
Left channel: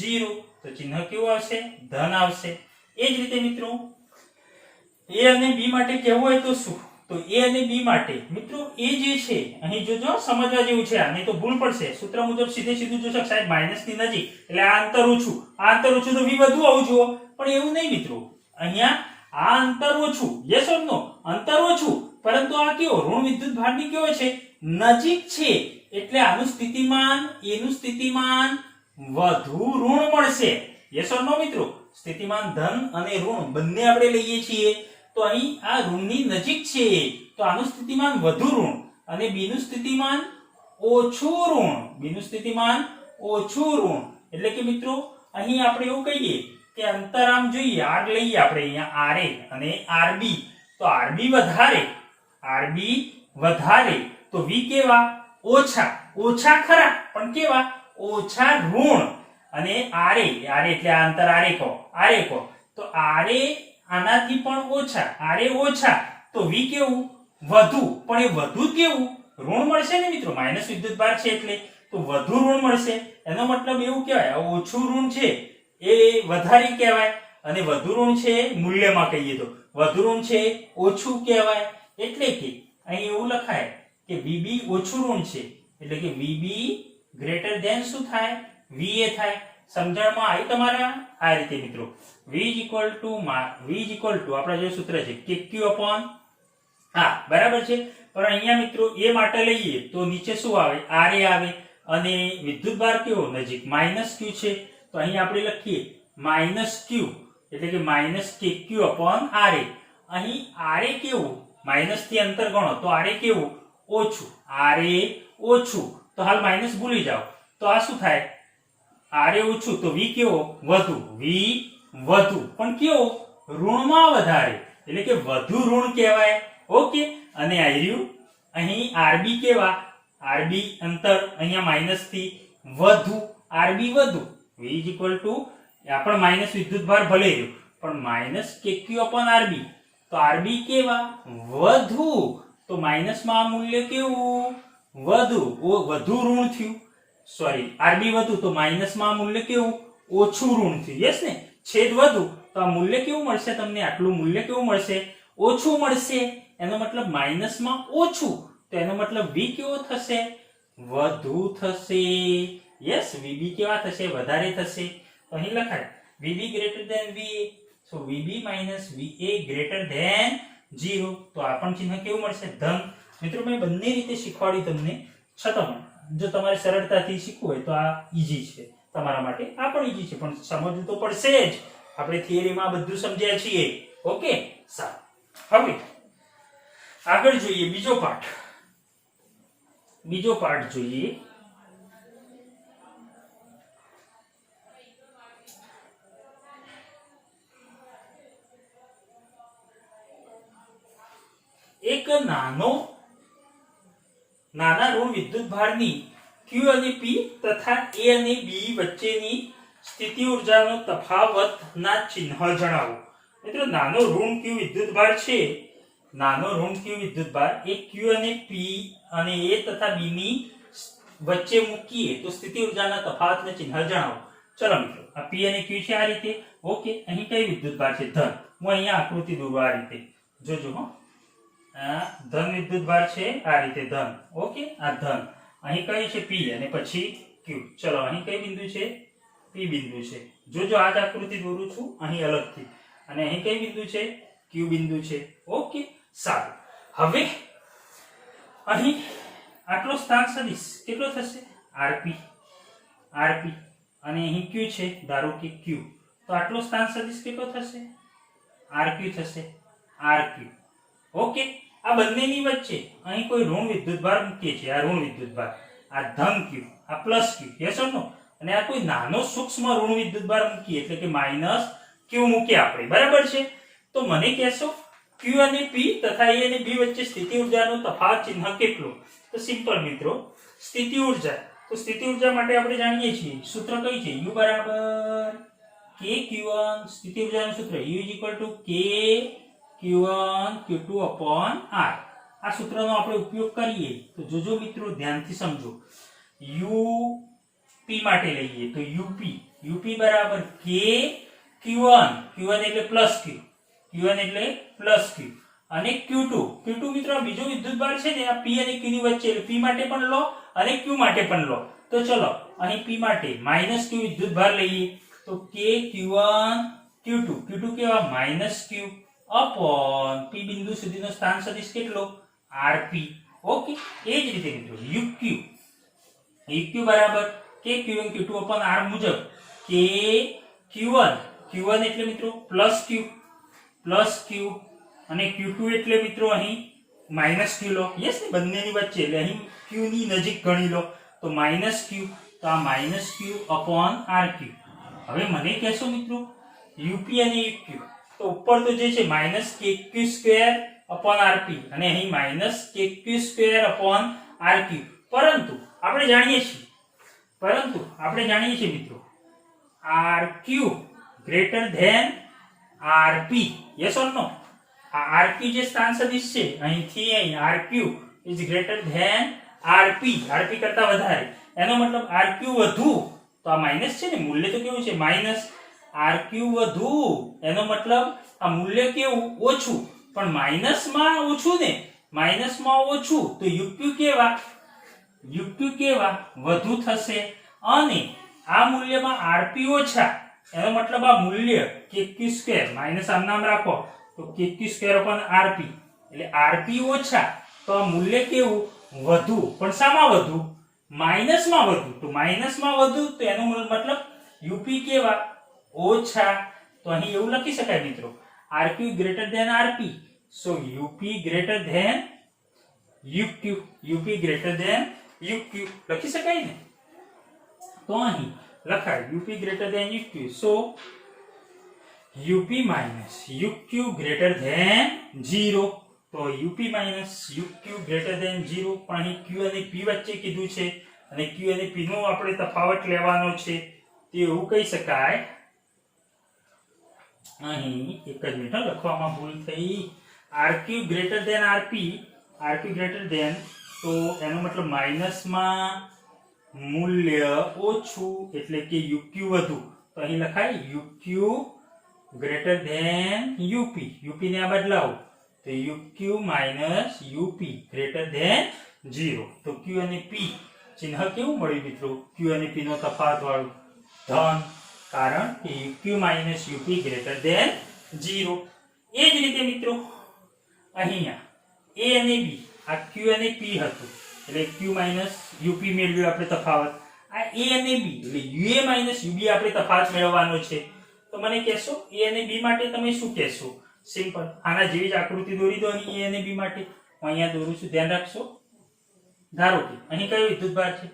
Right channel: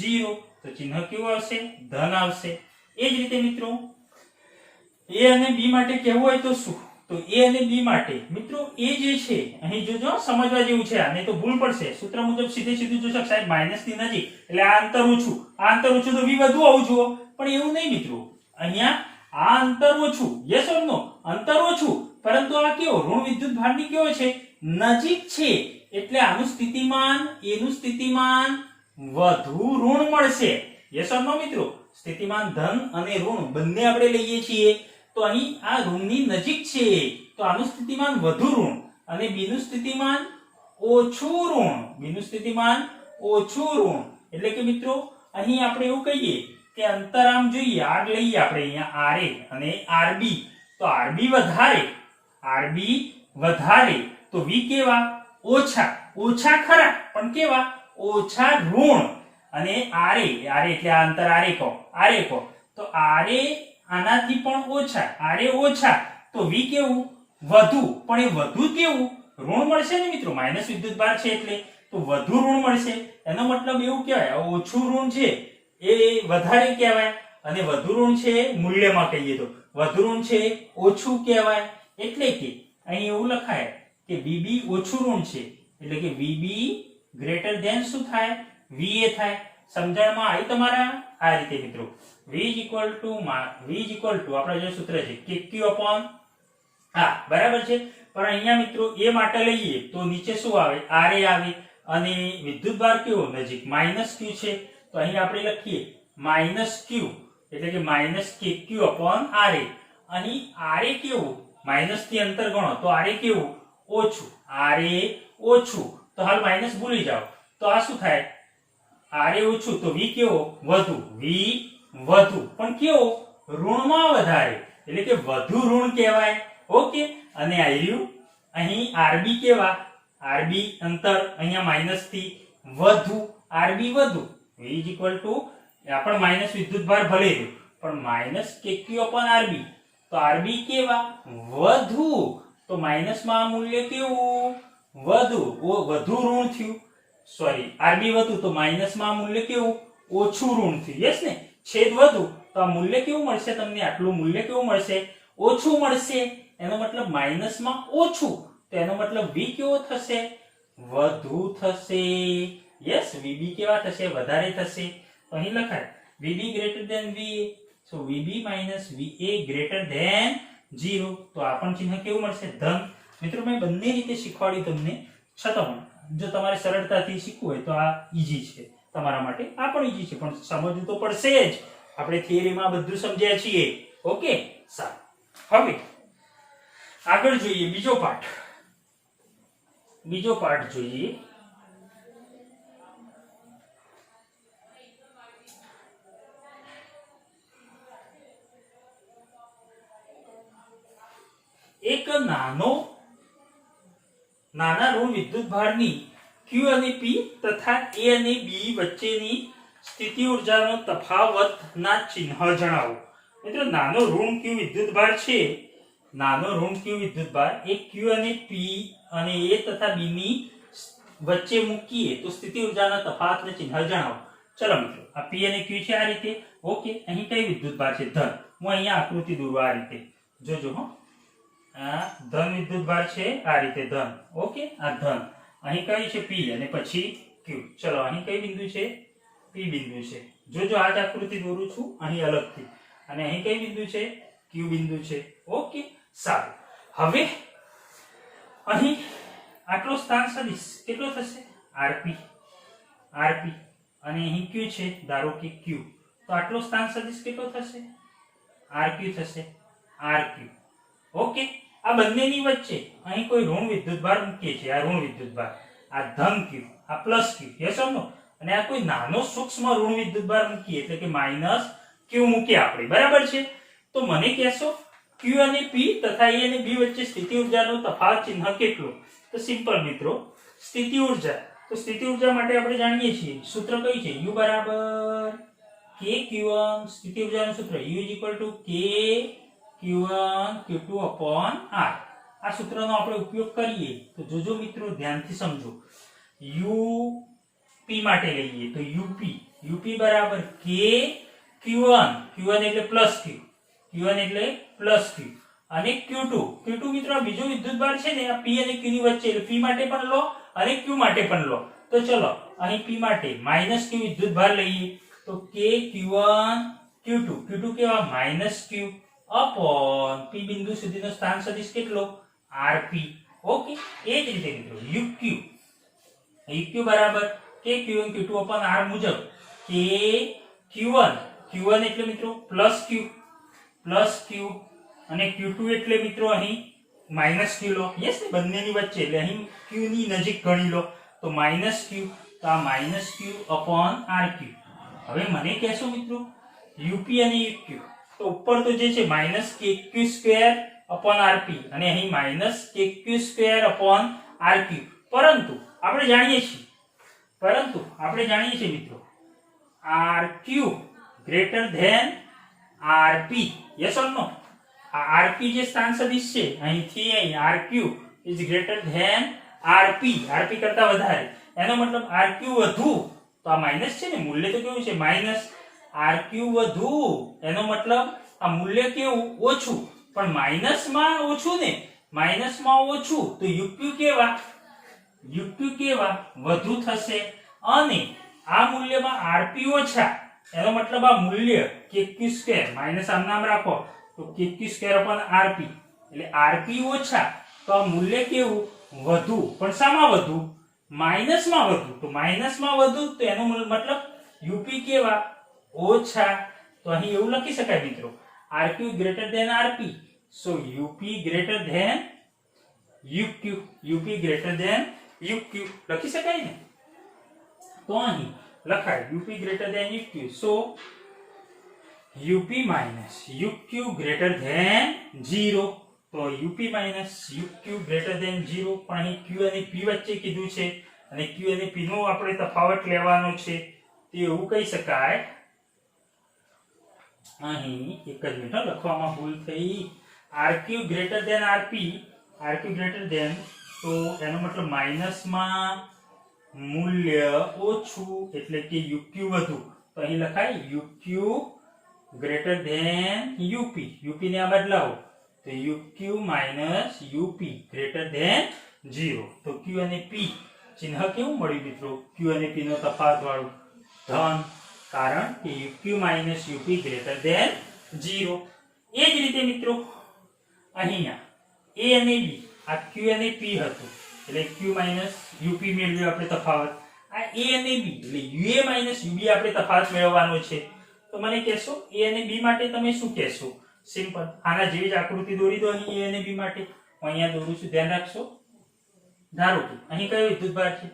0. તો ચિહ્ન કેવું આવશે? ધન આવશે. એ જ રીતે મિત્રો A અને B માટે કહેવું હોય તો શું? તો A અને B માટે મિત્રો A જે છે અહીં જોજો, સમજવા જેવું છે, આને તો ભૂલ પડશે. સૂત્ર મુજબ સીધું જોશો સાહેબ માઇનસ ની નજીક એટલે આ અંતર ઓછું, આ અંતર ઓછું તો V વધુ આવવું જોઈએ, પણ એવું નહીં મિત્રો. અહીંયા આ અંતર ઓછું, યસ ઓર નો? અંતર ઓછું, પરંતુ આ કેવો? ઋણ વિદ્યુત ભારની કેવો છે? નજીક છે. એટલે આનું સ્થિતિમાન, એનું સ્થિતિમાન વધુ ઋણ મળશે. યસ ઓર નો મિત્રો? સ્થિતિમાન ધન અને ઋણ બંને આપણે લઈએ છીએ, તો અહીં આ ઋણની નજીક છે તો આનું સ્થિતિમાન વધુ ઋણ અને B નું સ્થિતિમાન ઓછું ઋણ. B નું સ્થિતિમાન ઓછું ઋણ. એટલે કે મિત્રો અહીં આપણે એવું કહીએ કે અંતર આમ જોઈએ, r લઈએ આપણે અહીંયા RA અને RB, તો RB વધારે તો V કેવા? ઓછા ખરા, પણ કેવા? ઓછા ઋણ. અને RA એટલે આ અંતર RA કહો, તો RA આનાથી પણ ઓછા, તો V કેવું? વધુ. પણ એ વધુ કેવું? ઋણ મળશે ને મિત્રો, માઇનસ વિદ્યુત ભાર છે એટલે, તો વધુ ઋણ મળશે. એનો મતલબ એવું કહેવાય ઓછું ઋણ છે એ વધારે કહેવાય, અને વધુ ઋણ છે મૂલ્યમાં કહીએ તો વધુ ઋણ છે ઓછું કહેવાય. એટલે કે અહીં એવું લખાય કે VB ઓછું ઋણ છે, એટલે કે VB ગ્રેટર ધેન શું થાય? VA થાય. સમજાવવામાં આવી તમારા? આ રીતે મિત્રો V ઇઝ ઇક્વલ ટુ આપણા જે સૂત્ર છે KQ અપોન બરાબર છે. પણ અહીંયા મિત્રો A માટે લઈએ તો નીચે શું આવે? RA આવે, અને વિદ્યુત ભાર કેવો? નજીક માઇનસ Q છે, તો અહીં આપણે લખીએ માઇનસ Q, એટલે કે માઇનસ KQ અપોન RA. અહીં RA કેવું? માઇનસ થી અંતર ગણો તો RA કેવું? ઓછું. RA ઓછું, તો હાલ માઇનસ ભૂલી જાઓ, તો આ શું થાય? RA ઓછું તો V કેવો? વધુ. V વધુ, પણ કેવો? ઋણમાં વધારે, એટલે કે વધુ ઋણ કહેવાય. ઓકે, અને અહીં RB કેવા? RB અંતર અહીંયા માઇનસ થી વધુ, RB વધુ. V ઇઝ ઇક્વલ ટુ આ પણ માઇનસ વિદ્યુત ભાર ભલે રહ્યો, પણ માઇનસ KQ અપોન RB, તો RB કેવા? વધુ. તો માઇનસમાં આ મૂલ્ય કેવું? વધુ ઋણ થયું. સોરી, RB વધુ તો માઇનસમાં આ મૂલ્ય કેવું? ઓછું ઋણ થયું. યસ ને? છેદ વધુ તો આ મૂલ્ય કેવું મળશે તમને? આટલું મૂલ્ય કેવું મળશે? ઓછું મળશે. એનો મતલબ માઇનસમાં ઓછું, તો એનો મતલબ V કેવો થશે? વધુ થશે. યસ, VB કેવા થશે? વધારે થશે. તો અહીં લખાય VB greater than VA, so VB minus VA greater than 0. તો આ પણ ચિહ્ન કેવું મળશે? ધન. મિત્રો મેં બંને રીતે શીખવાડી તમને, છતાં જો તમારે સરળતાથી શીખવું હોય તો આ ઈઝી છે તમારા માટે, આ પણ ઈઝી છે, પણ સમજવું તો પડશે જ. આપણે થિયરીમાં બધું સમજ્યા છીએ. ઓકે, સારું. હવે આગળ જોઈએ બીજો પાર્ટ જોઈએ. એક નાના ઋણ વિદ્યુતભારની Q અને P તથા A અને B વચ્ચેની સ્થિતિ ઊર્જાનો તફાવતના ચિહ્ન જણાવો. મિત્રો નાનો ઋણ Q વિદ્યુતભાર છે, નાનો ઋણ Q વિદ્યુતભાર એ Q અને P અને A તથા B ની વચ્ચે મૂકીએ તો સ્થિતિ ઊર્જાના તફાવતને ચિહ્ન જણાવો. ચલો મિત્રો, આ P અને Q છે આ રીતે. ઓકે, અહીં કઈ વિદ્યુતભાર છે? ધન. હું અહીંયા આકૃતિ દોરું આ રીતે. જોજો હો, આ ધન વિદ્યુતભાર છે આ રીતે ધન. ઓકે, આ ધન. અહીં કઈ છે? P અને પછી Q. ચલો, અહીં કઈ બિંદુ છે? P બિંદુ છે. જોજો, આ જ આકૃતિ દોરું છું અહીં અલગથી. અને અહીં કઈ બિંદુ છે? Q બિંદુ છે. ઓકે, સારું. હવે અહીં આટલો સ્થાન સદિશ કેટલો થશે? rp અને અહીં Q છે, ધારો કે Q, તો આટલો સ્થાન સદિશ કેટલો થશે? rq થશે, rq. ઓકે, આ બંનેની વચ્ચે અહીં કોઈ ઋણ વિદ્યુતભાર મૂકીએ છીએ. આ ઋણ વિદ્યુતભાર, આ ધન Q, આ પ્લસ Q, યસ ઓર નો? અને આ કોઈ નાનો સૂક્ષ્મ ઋણ વિદ્યુતભાર મૂકીએ એટલે કે માઈનસ Q મૂકીએ આપણે, બરાબર છે? તો મને કહેશો Q અને P તથા A અને B વચ્ચે સ્થિતિ ઊર્જાનો તફાવત ચિહ્ન કેટલો? તો સિમ્પલ મિત્રો, સ્થિતિ ઊર્જા, તો સ્થિતિ ઊર્જા માટે આપણે જાણીએ છીએ સૂત્ર કઈ છે? U બરાબર kq1. સ્થિતિ ઊર્જાનું સૂત્ર U kq1 q2/r. આ સૂત્રનો આપણે ઉપયોગ કરીએ તો જોજો મિત્રો, ધ્યાનથી સમજો. UP માટે લઈએ તો UP બરાબર kq1 એટલે પ્લસ Q, Q1 એટલે પ્લસ Q, અને Q2 મિત્રો આ બીજો વિદ્યુતભાર છે ને, આ P અને Q ની વચ્ચે, એટલે P માટે પણ લો અને Q માટે પણ લો. તો ચલો, અહીં P માટે માઈનસ Q વિદ્યુતભાર લઈએ તો kq1 q2 કેવા? માઈનસ Q અપોન P બિંદુ સુધીનો સ્થાન સદિશ કેટલો? rp. ઓકે, એ જ રીતે મિત્રો uq બરાબર kq1 q2 અપોન r મુજબ kq1 એટલે મિત્રો પ્લસ Q અને Q2 એટલે મિત્રો અહીં માઈનસ Q લો. યસ ને, બંનેની વચ્ચે એટલે અહીં Q ની નજીક ગણી લો તો માઈનસ Q, તો આ માઈનસ Q અપોન rq. હવે મને કહેશો મિત્રો UP અને UQ, તો ઉપર તો જે છે માઈનસ kq² અપોન rp અને અહીં માઈનસ kq² અપોન rq. પરંતુ આપણે જાણીએ છીએ મિત્રો rq greater than rp. Yes or no? આ rp જે સ્થાન સદિશ છે અહીંથી અહીં rq is greater than rp કરતા વધારે. એનો મતલબ rq વધુ, તો આ માઈનસ છે ને, મૂલ્ય તો કેવું છે? માઈનસ. rq વધુ એનો મતલબ આ મૂલ્ય કેવું? ઓછું. પણ માઈનસમાં ઓછું ને, માઈનસમાં ઓછું, તો uq કેવા? વધુ થશે. અને આ મૂલ્યમાં rp ઓછા, એનો મતલબ આ મૂલ્ય kq², માઈનસ આમ નામ રાખો તો kq² અપોન rp, એટલે rp ઓછા, તો આ મૂલ્ય કેવું? વધુ. પણ શામાં વધુ? માઈનસમાં વધુ. તો માઈનસમાં વધુ, તો એનો મતલબ UP કેવા? ઓછા. તો અહીં એવું લખી શકાય મિત્રો, rq greater than rp, so UP greater than UP greater than UQ લખી શકાય ને? તો અહીં લખાય UP greater than UQ, so UP minus UQ greater than 0. તો UP minus UQ greater than 0. પણ અહીં Q અને P વચ્ચે કીધું છે અને Q અને P નો આપણે તફાવત લેવાનો છે, તો એવું કહી શકાય. અહીં એક જ મિનિટ લખવામાં ભૂલ થઈ. rq greater than rp, rq greater than, તો એનો મતલબ માઈનસમાં મૂલ્ય ઓછું એટલે કે uq વધુ. તો અહીં લખાય uq greater than UP. UP ને આ બદલાવો તો uq minus UP greater than 0. તો Q અને P ચિહ્ન કેવું મળ્યું મિત્રો? Q અને P નો તફાવત વાળું ધન, કારણ કે uq minus UP greater than 0. એ જ રીતે મિત્રો અહીંયા A અને B, આ Q અને P હતું એટલે Q માઈનસ UP મેળવ્યું આપણે તફાવત. આ A અને B એટલે UA માઈનસ UB આપણે તફાવત મેળવવાનો છે. તો મને કહેશો A અને B માટે તમે શું કહેશો? સિમ્પલ, આના જેવી જ આકૃતિ દોરી દો અહીં A અને B માટે. હું અહીંયા દોરું છું, ધ્યાન રાખશો. ધારો કે અહીં કયો વિદ્યુતભાર છે?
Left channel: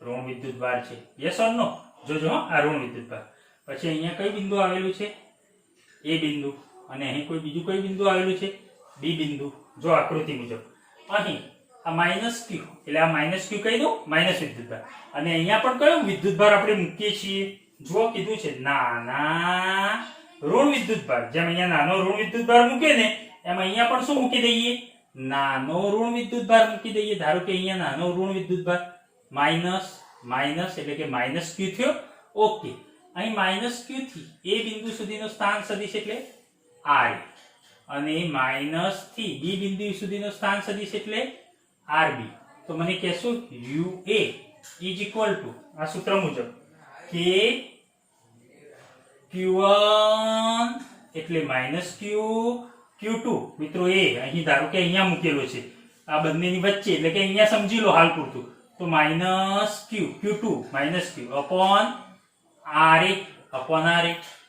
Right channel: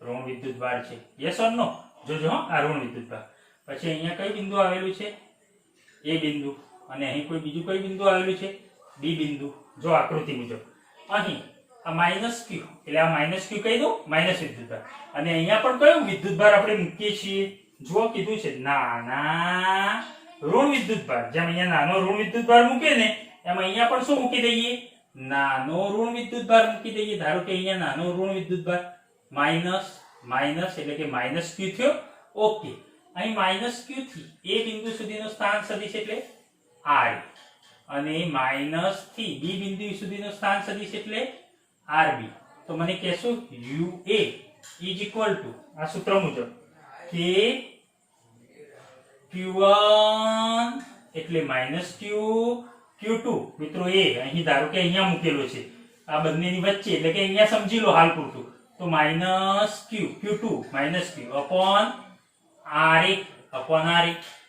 ઋણ વિદ્યુતભાર છે. યસ ઓર નો? જોજો આ ઋણ વિદ્યુતભાર. પછી અહીંયા કઈ બિંદુ આવેલું છે? A બિંદુ. અને અહીં કોઈ બીજું કઈ બિંદુ આવેલું છે? બી બિંદુ જો આકૃતિ મુજબ અહીં આ માઇનસ ક્યુ એટલે આ માઇનસ ક્યુ કહી દઉં માઇનસ વિદ્યુતભાર અને અહીંયા પણ કયો વિદ્યુતભાર આપણે મૂકીએ છીએ જો કીધું છે નાના ઋણ વિદ્યુતભાર જેમ અહીંયા નાનો ઋણ વિદ્યુતભાર મૂકે ને એમ અહીંયા પણ શું મૂકી દઈએ નાનો ઋણ વિદ્યુતભાર મૂકી દઈએ ધારો કે અહીંયા નાનો ઋણ વિદ્યુતભાર માઇનસ માઇનસ એટલે કે માઇનસ ક્યુ થયો ઓકે અહીં માઇનસ ક્યુ થી એ બિંદુ સુધીનો સ્થાન સદિશ એટલે આર અને માઇનસ થી બી બિંદુ સુધીનો સ્થાન સદિશ એટલે આરબી તો મને કહેશો UA ઇઝ ઇક્વલ ટુ આ સૂત્ર મુજબ કે Q1 એટલે માઇનસ ક્યુ Q2 મિત્રો એ અહીં ધારો કે અહીંયા મૂકેલો છે આ બંનેની વચ્ચે એટલે કે અહીંયા સમજી લો હાલ પૂરતું તો માઇનસ ક્યુ Q2 માઇનસ ક્યુ અપોન RA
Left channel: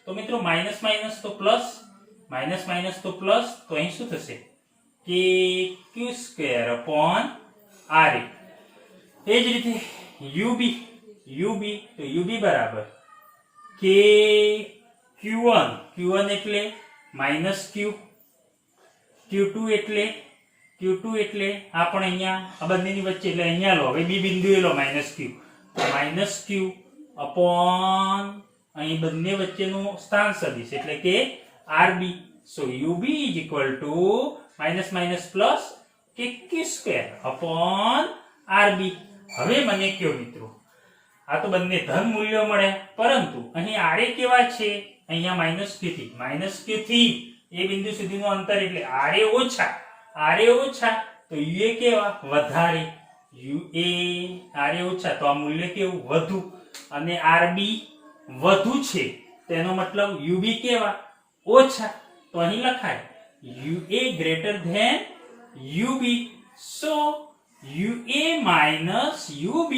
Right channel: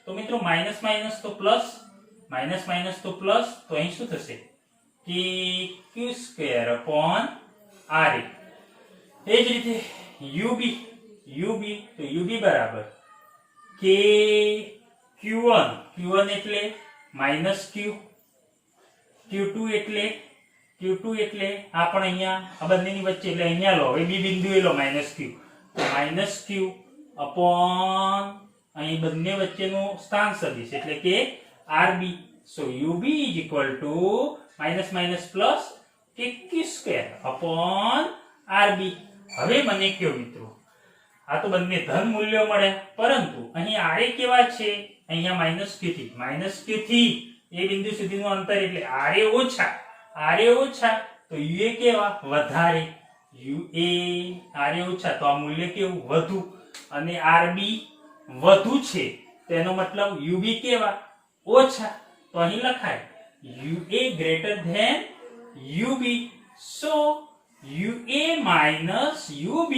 તો મિત્રો માઇનસ માઇનસ તો પ્લસ માઇનસ માઇનસ તો પ્લસ તો અહીં શું થશે કે ક્યુ સ્ક્વેર અપોન RA એ જ રીતે UB તો UB બરાબર કે Q1 એટલે માઇનસ ક્યુ Q2 એટલે આ પણ અહીંયા આ બંનેની વચ્ચે એટલે અહીંયા લો હવે બી બિંદુએ લો માઇનસ ક્યુ અપોન અહીં બંને વચ્ચેનું સ્થાન સદિશ એટલે કે RB so UB is equal to minus minus plus કે Q square upon RB હવે મને કયો મિત્રો આ તો બંને ધન મૂલ્યો મળે પરંતુ અહીં RA કેવા છે અહીંયા માઇનસ Q થી એ બિંદુ સુધીનું અંતર એટલે RA ઓછા તો UA કેવા વધારે RA ઓછા તો આ મૂલ્ય કેવું વધુ અને RB વધુ છે તેનો મતલબ UB કેવા ઓછા તો અહીં લખાય UA greater than UB so UA minus UB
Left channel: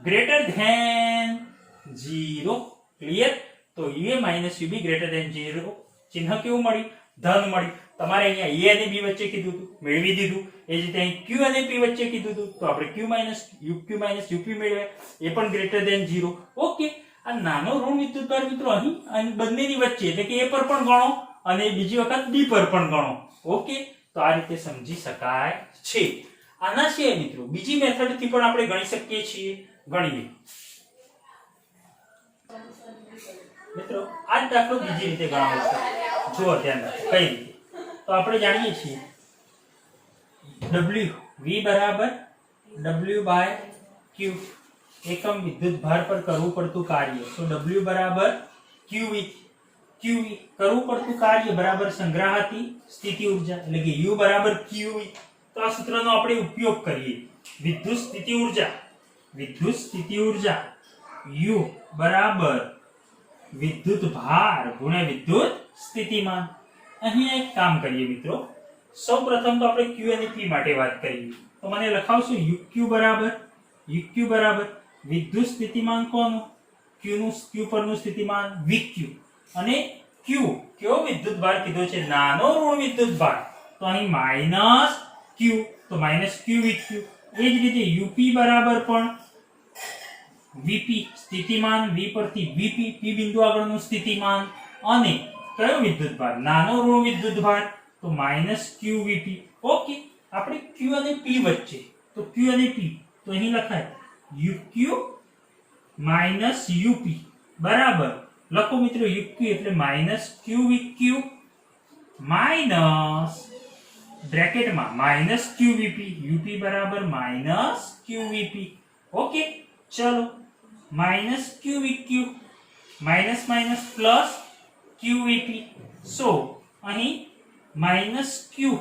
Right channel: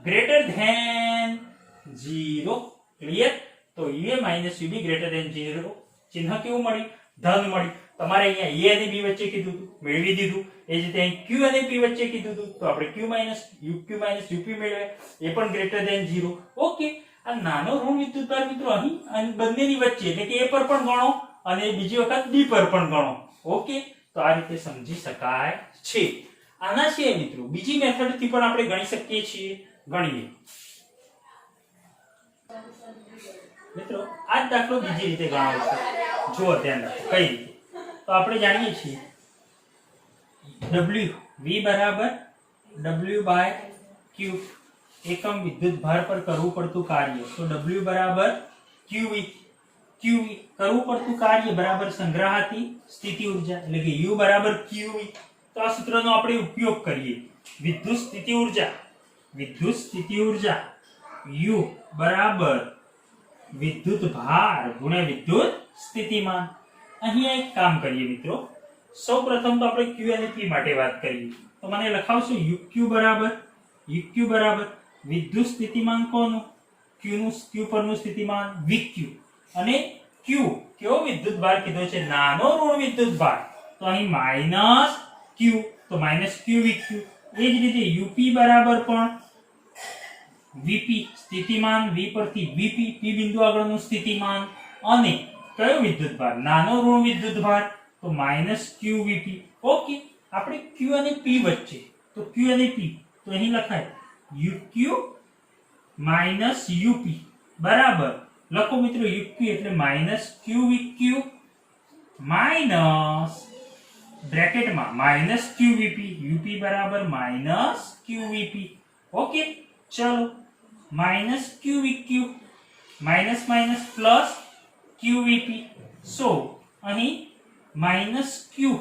greater than 0 clear તો UA minus UB greater than 0 ચિહ્ન કેવું મળી ધન મળી તમારે અહીંયા A અને B વચ્ચે કીધું હતું મેળવી દીધું એ જ રીતે અહીં Q અને P વચ્ચે કીધું હતું તો આપણે Q minus UP મેળવ્યા એ પણ greater than 0 ઓકે આ નાનો ઋણ વિદ્યુતભાર મિત્રો અહીં બંનેની વચ્ચે એટલે કે A પર પણ ગણો અને બીજી વખત B પર પણ ગણો ઓકે તો આ રીતે સમજી શકાય છે આના સિવાય મિત્રો બીજી મેથડ થી પણ આપણે ગણી શકીએ છીએ ગણીએ મિત્રો આ દાખલો બીજી રીતે ગણાવો છે જો ધ્યાન રાખો કઈ રીતે તો આપણે જાણીએ છીએ V બરાબર W બાય Q એકમ વિદ્યુત ભાર પર કરવું પડતું કાર્ય તો W બરાબર QV કરવું પડતું કાર્ય બરાબર સંગ્રહાતી સ્થિતિ ઊર્જા એટલે કે U બરાબર QV તો આ સૂત્રનો આપણે ઉપયોગ કરીએ વિદ્યુત સ્થિતિ ઊર્જા U બરાબર વિદ્યુત ભાર ગુણ્યા વિદ્યુત સ્થિતિમાન અહીં એક કામ કરીએ મિત્રો સૌપ્રથમ તો આપણે Q અને P માટે વાત કરીએ તો મને લખાવશું UQ બરાબર વિદ્યુત સ્થિતિમાન કોનું Q પરનું સ્થિતિમાન VQ અને Q કેવો વિદ્યુત ભાર કીધો છે નાનો ઋણ વિદ્યુત ભાર તો અહીં માઈનસ Q તો માઈનસ Q VQ એ જ રીતે UP બરાબર પણ VP સ્થિતિમાન V પરથી VP P બિંદુ આગળનું સ્થિતિમાન અને કયો વિદ્યુત ભાર નાનો ઋણ વિદ્યુત ભાર તો માઈનસ Q VP ઓકે આપણે Q અને P વચ્ચે તો Q અને P તો અહીં લખાય UQ minus UP બરાબર લખો મિત્રો UQ એટલે minus Q VQ minus બ્રેકેટમાં minus Q VP UP બરાબર minus Q VP ઓકે ચલો minus Q VQ minus minus plus Q VP so અહીં minus Q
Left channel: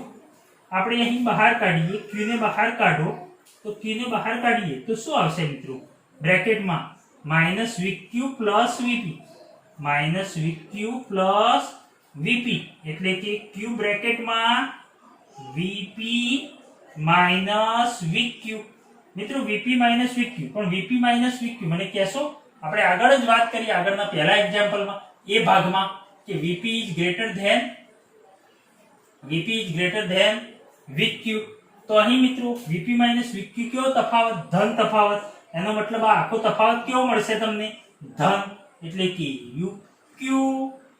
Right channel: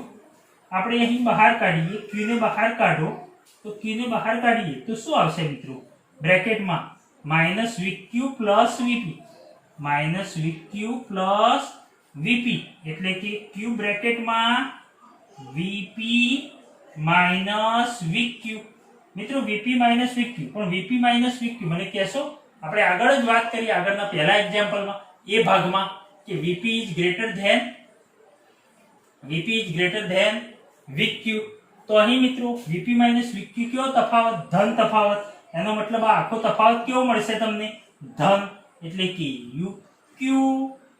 આપણે અહીં બહાર કાઢીએ Q ને બહાર કાઢો તો Q ને બહાર કાઢીએ તો શું આવશે મિત્રો બ્રેકેટમાં minus VQ plus VP minus VQ plus VP એટલે કે Q બ્રેકેટમાં VP minus VQ મિત્રો VP minus VQ પણ VP minus VQ મને કહેશો આપણે આગળ જ વાત કરી આગળના પહેલા એક્ઝામ્પલમાં એ ભાગમાં કે VP is greater than VQ તો અહીં મિત્રો VP minus VQ કેવો તફાવત ધન તફાવત એનો મતલબ આ આખો તફાવત કેવો મળશે તમને ધન એટલે કે UQ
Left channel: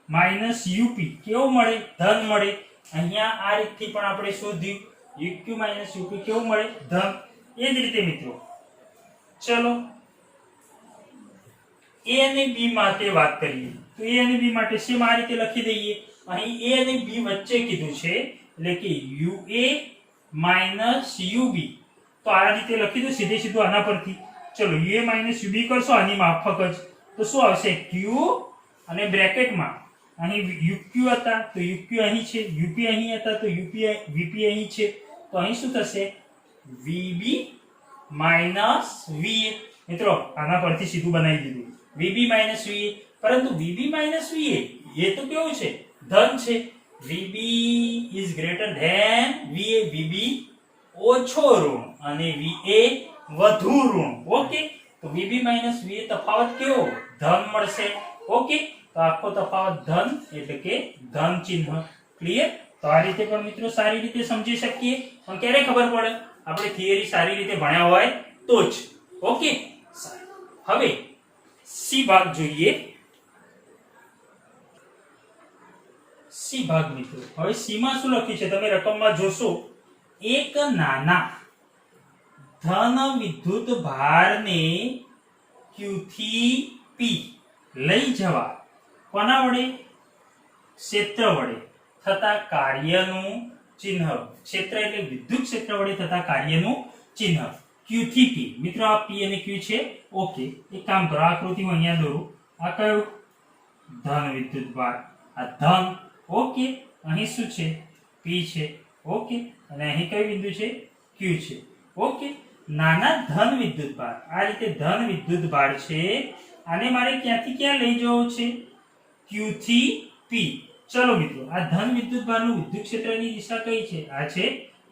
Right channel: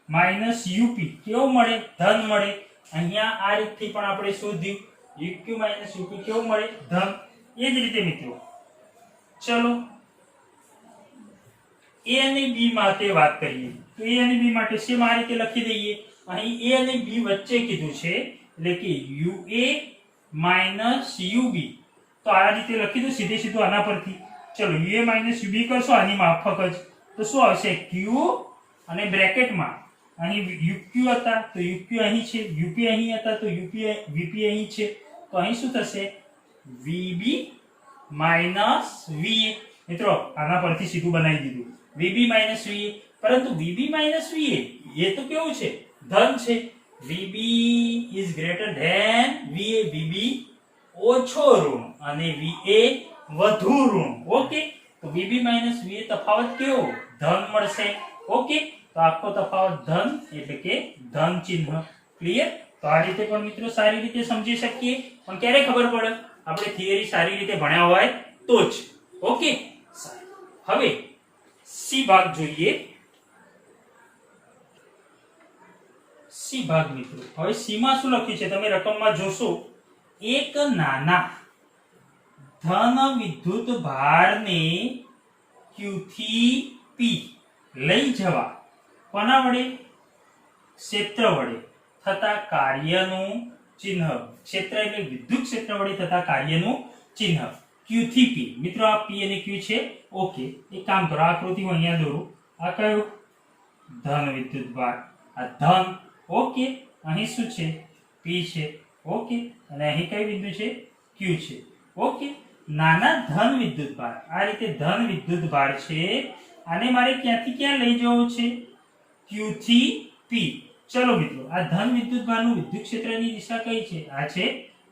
minus UP કેવો મળે ધન મળે અહીંયા આ રીતથી પણ આપણે શોધ્યું UQ - UP કેવું મળે ધન. એ જ રીતે મિત્રો ચલો A અને B માટે વાત કરીએ તો A અને B માટે સેમ આ રીતે લખી દઈએ. અહીં A અને B વચ્ચે કીધું છે એટલે કે UA - UB. તો આ રીતે લખી દો સીધે સીધું આના પરથી. ચલો UA - UB કરશો આની માફક જ તો શું આવશે Q અને બ્રેકેટમાં અહીં UQ હતા તો UQ અહીં છે, UP અહીં હતા તો VP અહીં છે. તો અહીં શું થશે VB - VA. મિત્રો આના પરથી સીધું બનાવી દીધું VB - VA. પરંતુ VB - VA એ તો કેવું છે ધન છે. VB is greater than VA. VB ઓછો ઋણ અને VA વધુ ઋણ. ઓકે તો VB - VA તફાવત કેવો ધન મળશે. ઓકે તો આખો તફાવત ધન એટલે કે ધન ચિહ્ન. ક્લિયર. તો આ રીતે પણ મિત્રો સારી રીતે સમજી શકીએ. પણ ક્યારે ખબર પડે આપણે થિયરી સારી રીતે ભણ્યા હોય તો જ. ઓકે હવે સી ભાગ જોઈએ. સી ભાગ મિત્રો હવે સી માં શું લખ્યું છે તમે રકમમાં જોશો એક નાના ધન વિદ્યુત ભારને Q થી P લઈ જવા કોના વડે ક્ષેત્ર વડે થતા કાર્યનું ચિહ્ન. ક્ષેત્ર એટલે વિદ્યુત ક્ષેત્ર વડે થતા કાર્યનું ચિહ્ન Q થી P. મિત્રો આ P અને Q છે. ઓકે એક કામ કરો આકૃતિ હું અહીંયા દોરું. આ કયો ધન વિદ્યુત ભાર આ ધન. ઓકે અહીં શું છે P છે. ઓકે અને અહીં કઈ બિંદુ છે Q છે. ઓકે નાના ધન વિદ્યુત ભાર આ રીતે ધન વિદ્યુત ભાર છે. આને મારે ક્યાંથી ક્યાં લઈ જવું છે Q થી P. ચલો મિત્રો આ ધન વિદ્યુત ભારનું વિદ્યુત ક્ષેત્રની દિશા કઈ છે આ છે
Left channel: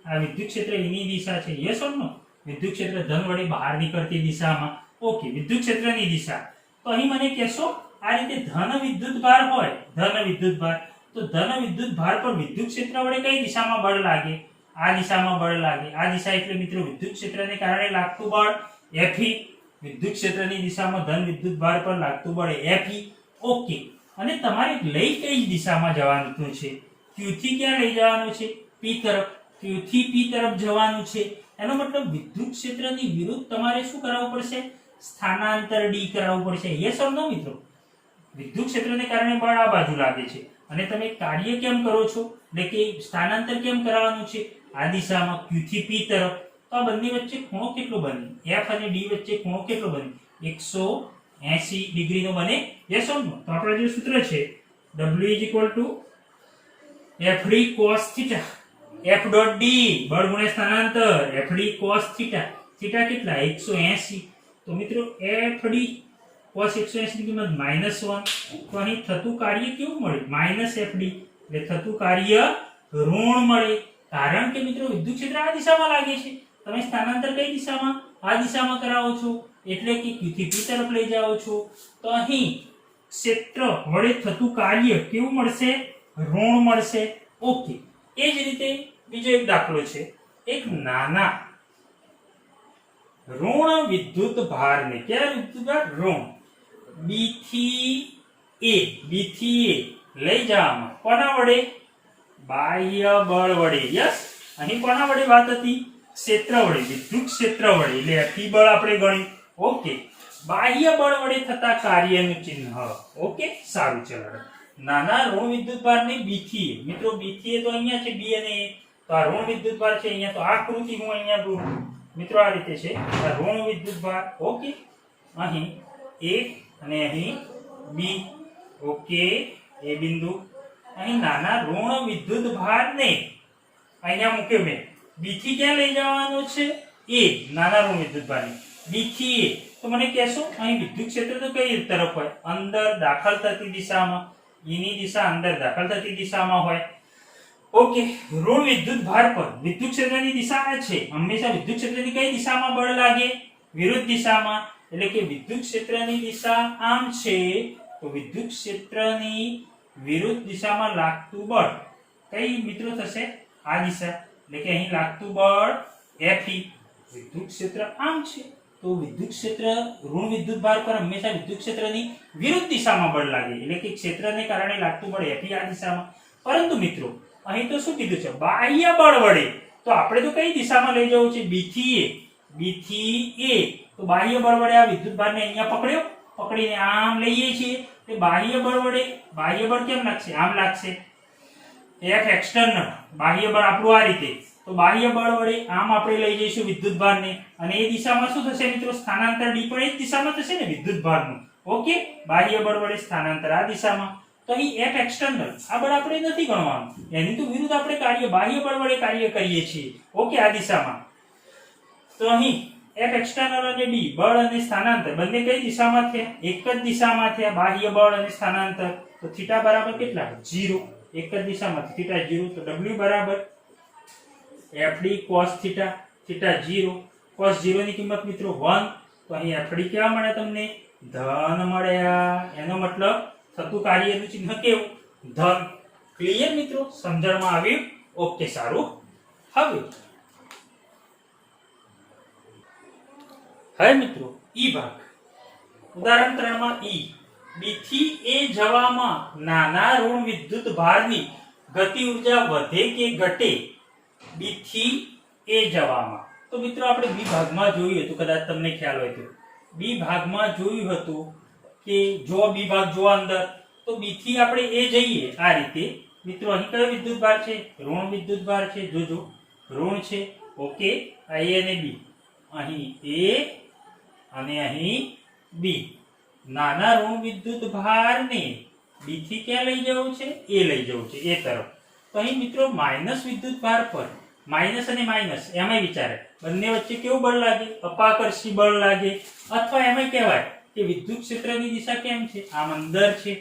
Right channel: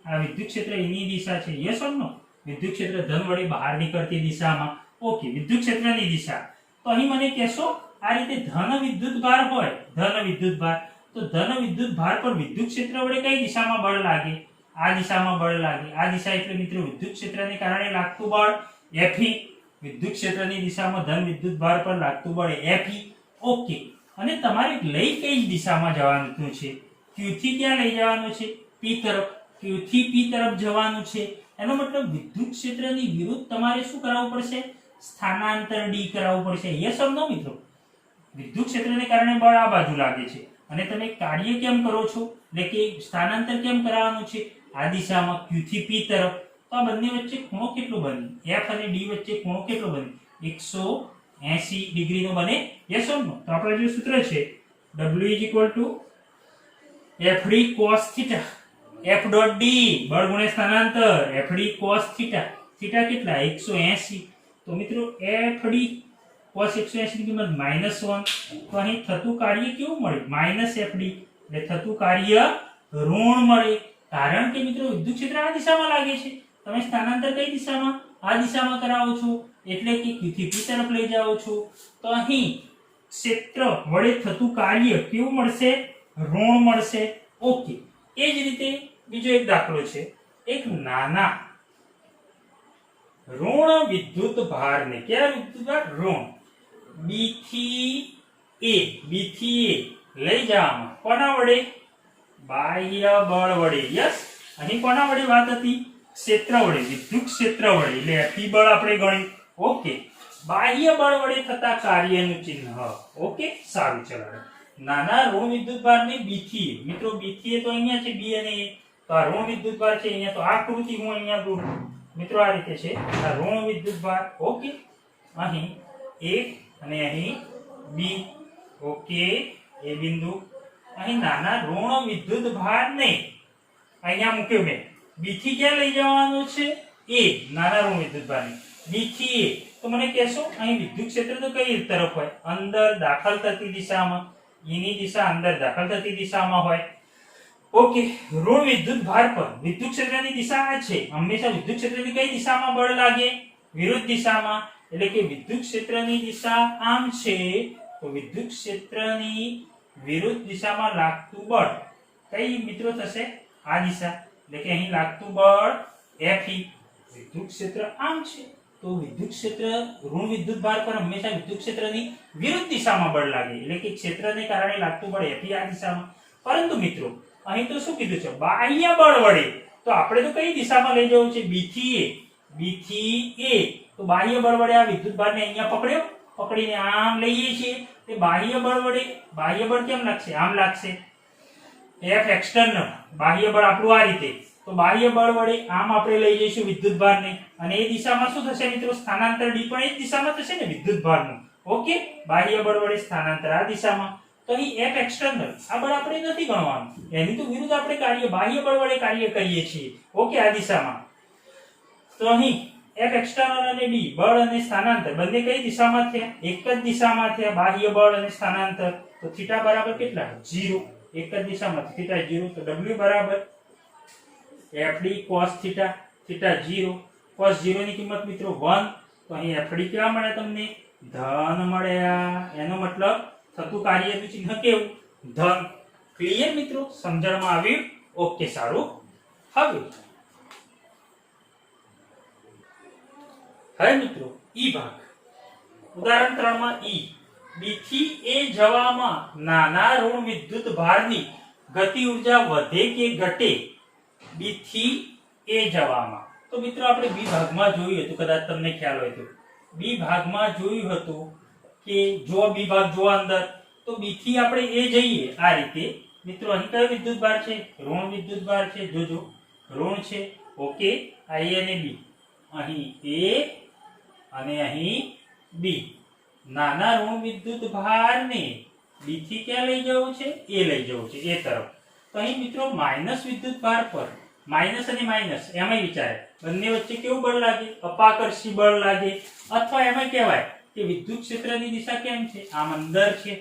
આ વિદ્યુત ક્ષેત્ર એની દિશા છે. યસ ઓર નો વિદ્યુત ક્ષેત્ર ધન વડે બહાર નીકળતી દિશામાં. ઓકે વિદ્યુત ક્ષેત્રની દિશા. તો અહીં મને કહેશો આ રીતે ધન વિદ્યુત ભાર હોય ધન વિદ્યુત ભાર તો ધન વિદ્યુત ભાર પર વિદ્યુત ક્ષેત્ર વડે કઈ દિશામાં બળ લાગે આ દિશામાં બળ લાગે. આ દિશા એટલે મિત્રો વિદ્યુત ક્ષેત્રને કારણે લાગતું બળ Fe. વિદ્યુત ક્ષેત્રની દિશામાં ધન વિદ્યુત ભાર પર લાગતું બળ Fe. ઓકે અને તમારે લઈ કઈ દિશામાં જવાનું છે Q થી ક્યાં લઈ જવાનું છે P તરફ. Q થી P તરફ જવાનું છે. એનો મતલબ વિદ્યુત ક્ષેત્રની વિરુદ્ધ તમારે શું કરાવવું પડશે સ્થાનાંતર D કરાવવું પડશે. યસ ઓર નો મિત્રો વિદ્યુત ક્ષેત્રને કારણે બળ આ બાજુ લાગે છે અને તમે કાર્ય કેમ કરો છો એટલે કે સ્થાનાંતર કેમ કરાવવાનું છે આ દિશામાં Q થી P તરફ. તો આ બંને વચ્ચે ખૂણો કેટલો બને F અને D વચ્ચે ખૂણો કેટલો બને 180 ડિગ્રી નો બને. યસ ઓર નો. તો આપણો જે સૂત્ર છે W FD cos θ F dot D બળ ગુણ્યા સ્થાનાંતર FD cos θ. θ કેટલા 180. તો મિત્રો FD cos 180 ની કિંમત -1. તો અહીં થતું કાર્ય કેવું મળે -FD એટલે થતું કાર્ય ઋણ મળે. કારણ કે મિત્રો વિદ્યુત ક્ષેત્ર આ દિશામાં લાગે છે તમે સ્થાનાંતર કઈ દિશામાં આ દિશામાં કરાવો છો એટલે કે Q થી P તરફ લઈ જાઓ છો. તો અહીં ક્ષેત્ર વડે થતું કાર્ય કેવું મળશે ઋણ મળશે. ઓકે એ જ રીતે બીજો એક દાખલો છે. એક નાના ઋણ વિદ્યુત ભારને કયા વિદ્યુત ભાર ઋણ B થી A લઈ જવામાં કોના વડે બાહ્ય બળ વડે. યસ અહીં કોના વડે વાત હતી ક્ષેત્ર વડે વિદ્યુત ક્ષેત્ર વડે એટલે F બળ આપણે ગણ્યું. ઓકે બાહ્ય બળ વડે થતા કાર્યનું ચિહ્ન. ઓકે સારું ચલો નાના ઋણ વિદ્યુત ભારને B થી A. મિત્રો B થી A તો અહીંયા છે B અને A. તો આ ઋણ વિદ્યુત ભાર છે અહીંયા તો આ આકૃતિ હું અહીંયા દોરું. મિત્રો આ રીતે છે આ ઋણ વિદ્યુત ભાર. ઓકે અહીં A અને અહીં B. ઓકે એ બિંદુ અહીં નાના ઋણ વિદ્યુત ભારને અહીંયા મૂક્યો મેં B થી ક્યાં લઈ જવાનું છે A નાના ઋણ વિદ્યુત ભારને B થી A. તો મને કહેશો અહીં વિદ્યુત ક્ષેત્ર તો કઈ તરફ હોય અંદર દાખલ થતી દિશામાં. એની દિશા અંદર દાખલ થતી દિશામાં હોય. ઓકે ઋણ વિદ્યુત ભાર પર વિદ્યુત ક્ષેત્રની દિશા આ છે. હંમેશા વિદ્યુત ક્ષેત્રની કઈ દિશામાં બળ લાગે વિરુદ્ધ દિશામાં. એટલે કે વિદ્યુત ક્ષેત્રની દિશા આમ છે તો વિદ્યુત ક્ષેત્રની વિરુદ્ધ દિશામાં લાગતું બળ કઈ મિત્રો થશે આ દિશા. એટલે કે અહીં લાગતું બળ Fe. વિદ્યુત ક્ષેત્ર આમ છે તો વિદ્યુત ક્ષેત્ર ઋણ વિદ્યુત ભાર પર હંમેશા વિદ્યુત ક્ષેત્રની વિરુદ્ધ દિશામાં બળ લાગે એટલે કે ક્ષેત્રને કારણે લાગતું બળ Fe આ દિશામાં. પરંતુ મિત્રો અહીં તો શું કીધું છે બાહ્ય બળ વડે, તો આપણે તો કઈ દિશામાં લઈ જવું છે બી થી એ, તો બાહ્ય બળ વડે આ વિદ્યુત ભારને અહીંયા પકડ્યો, પકડીને આમ લઈએ છીએ, તે બાહ્ય બળ વડે, બાહ્ય બળ કેમ લાગશે આમ લાગશે, F એક્સટર્નલ બાહ્ય બળ આપણું આ રીતે, તો બાહ્ય બળ વડે આમ આપણે લઈ જઈશું વિદ્યુત ભારને, અને એ દિશામાં શું થશે મિત્રો સ્થાનાંતર ડી પણ એ જ દિશામાં થશે ને વિદ્યુત ભારનું, ઓકે બાહ્ય બળ વડે સ્થાનાંતર આ દિશામાં, તો અહીં F એક્સટર્નલ આ બળ આપણે નથી ગણવાનું, એની તો વિરુદ્ધ આપણે કાર્ય બાહ્ય બળ વડે કાર્ય કરીએ છીએ, ઓકે આ દિશામાં, તો અહીં F એક્સટર્નલ અને D બળ અને સ્થાનાંતર બંને કઈ દિશામાં થયા, એક જ દિશામાં થયા, બાહ્ય બળ અને સ્થાનાંતર, તો થીટા બરાબર કેટલા 0, એક જ દિશામાં થીટા 0, તો W બરાબર FD cos theta, theta 0, cos 0 ની કિંમત મિત્રો 1, તો અહીં FD કેવા મળે તમને ધન મળ્યા, એનો મતલબ થતું કાર્યનું ચિહ્ન કેવું ધન, ક્લિયર મિત્રો, સમજણમાં આવ્યું, ઓકે સારું. હવે મિત્રો ઈ ભાગ, ઉદાહરણ 3 માં ઈ બી થી એ જવામાં નાના ઋણ વિદ્યુત ભારની ગતિ ઉર્જા વધે કે ઘટે, બી થી એ જવામાં, તો મિત્રો આપણે બી ભાગમાં જોયું હતું, કદાચ તમને ખ્યાલ હોય તો બી ભાગમાં જોયું હતું કે જો બી ભાગ જો અંદર, તો બી થી આપણે એ જઈએ આ રીતે મિત્રો, અહીં કયો વિદ્યુત ભાર છે ઋણ વિદ્યુત ભાર છે, જોજો ઋણ છે, ઓકે આ એ અને બી, અહીં એ અને અહીં બી, નાના ઋણ વિદ્યુત ભારને બી થી ક્યાં લઈ જવું છે એ લઈ જવું છે એ તરફ, તો અહીં મિત્રો માઇનસ વિદ્યુત ભાર પર માઇનસ અને માઇનસ એમાં વિચારે બંને વચ્ચે કેવું બળ લાગે અપાકર્ષી બળ લાગે, અથવા એમાં કહેવાય કે વિદ્યુત ક્ષેત્રની દિશા કેમ છે આમ અંદર છે,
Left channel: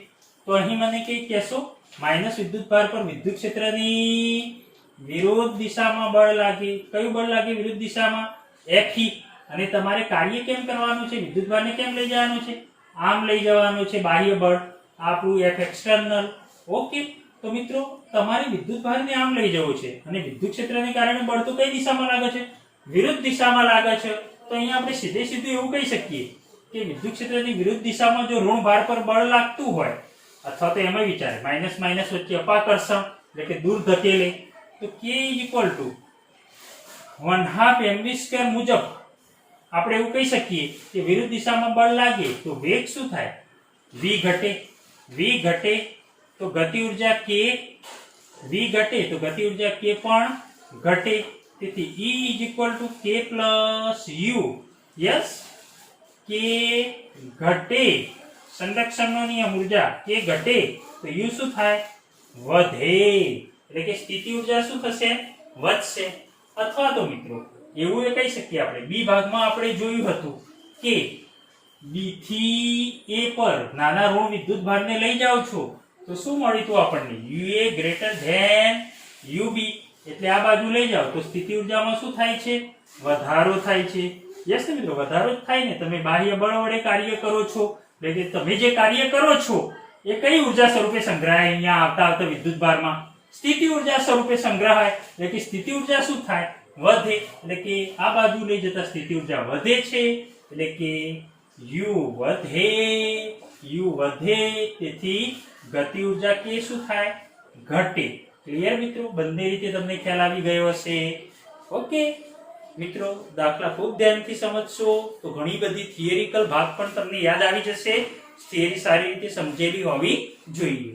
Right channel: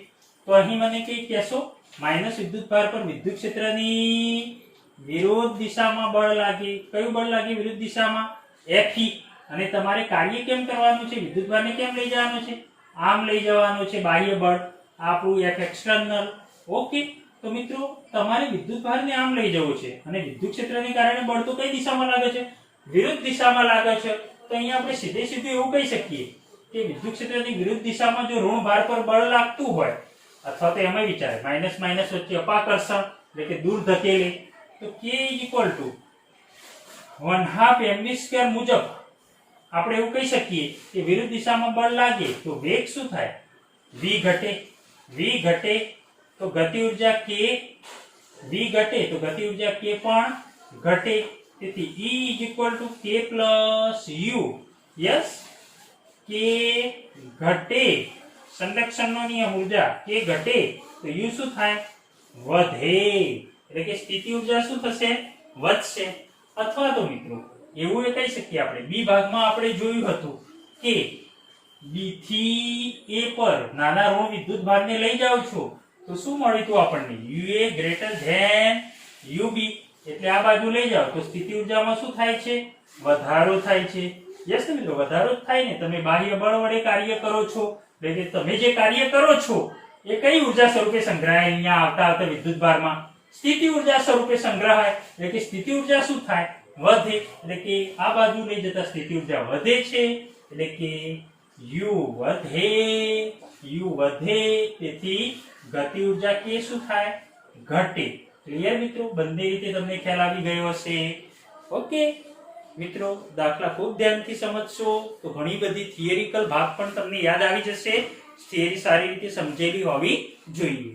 તો અહીં મને કઈ કહેશો માઇનસ વિદ્યુત ભાર પર વિદ્યુત ક્ષેત્રની વિરુદ્ધ દિશામાં બળ લાગે, કયું બળ લાગે વિરુદ્ધ દિશામાં Fe, અને તમારે કાર્ય કેમ કરવાનું છે વિદ્યુત ભારને કેમ લઈ જવાનું છે આમ લઈ જવાનું છે, બાહ્ય બળ આપણું F એક્સટર્નલ, ઓકે, તો મિત્રો તમારે વિદ્યુત ભારને આમ લઈ જવું છે, અને વિદ્યુત ક્ષેત્રને કારણે બળ તો કઈ દિશામાં લાગે છે વિરુદ્ધ દિશામાં લાગે છે, તો અહીંયા આપણે સીધે સીધું એવું કહી શકીએ કે વિદ્યુત ક્ષેત્રની વિરુદ્ધ દિશામાં જો ઋણ ભાર પર બળ લાગતું હોય, અથવા તો એમાં વિચારે માઇનસ માઇનસ વચ્ચે અપાકર્ષણ એટલે કે દૂર ધકેલે, તો K = 1/2 mv² મુજબ આપણે એવું કહી શકીએ કે વિરુદ્ધ દિશામાં બળ લાગે તો વેગ શું થાય v ઘટે, તો ગતિ ઉર્જા k, v ઘટે તો ગતિ ઉર્જા k પણ ઘટે, તેથી E = k + u, yes k ઘટે, સંરક્ષણનો નિયમ ઉર્જા k ઘટે તો u શું થાય વધે, એટલે કે સ્થિતિ ઉર્જા શું થશે વધશે, અથવા તો મિત્રો એવું એ કહી શકીએ આપણે બી ભાગમાં આપણે જોયું હતું કે બી થી એ પર નાના ઋણ વિદ્યુત ભારને લઈ જાવ છો તો શું મળ્યું હતું આપણને UA > UB, એટલે આ બાજુ લઈ જાવ તો સ્થિતિ ઉર્જામાં શું થાય છે વધારો થાય છે, યસ ને મિત્રો વધારો જ થાય ને, તમે બાહ્ય બળ વડે કાર્ય કરો છો, એટલે કે તમે જે કાર્ય કરો છો એ કઈ ઉર્જા સ્વરૂપે સંગ્રહાય અહીંયા આવતા વિદ્યુત ભારમાં સ્થિતિ ઉર્જા સ્વરૂપે સંગ્રહાય, એટલે કે સ્થિતિ ઉર્જા શું થાય વધે, એટલે કે આ બાજુ લઈ જતા સ્થિતિ ઉર્જા વધે છે, એટલે કે U વધે, તેથી ગતિ ઉર્જા કે શું થાય ઘટે, ક્લિયર મિત્રો, બંને રીતે તમને ખ્યાલ આવી ગયો હશે, ઓકે મિત્રો દાખલા ખૂબ ધ્યાનથી સમજશો તો ઘણી બધી થિયરિકલ ભાગ પણ તમને યાદ આવી જશે, થિયરી સારી રીતે સમજેલી હોવી જોઈએ.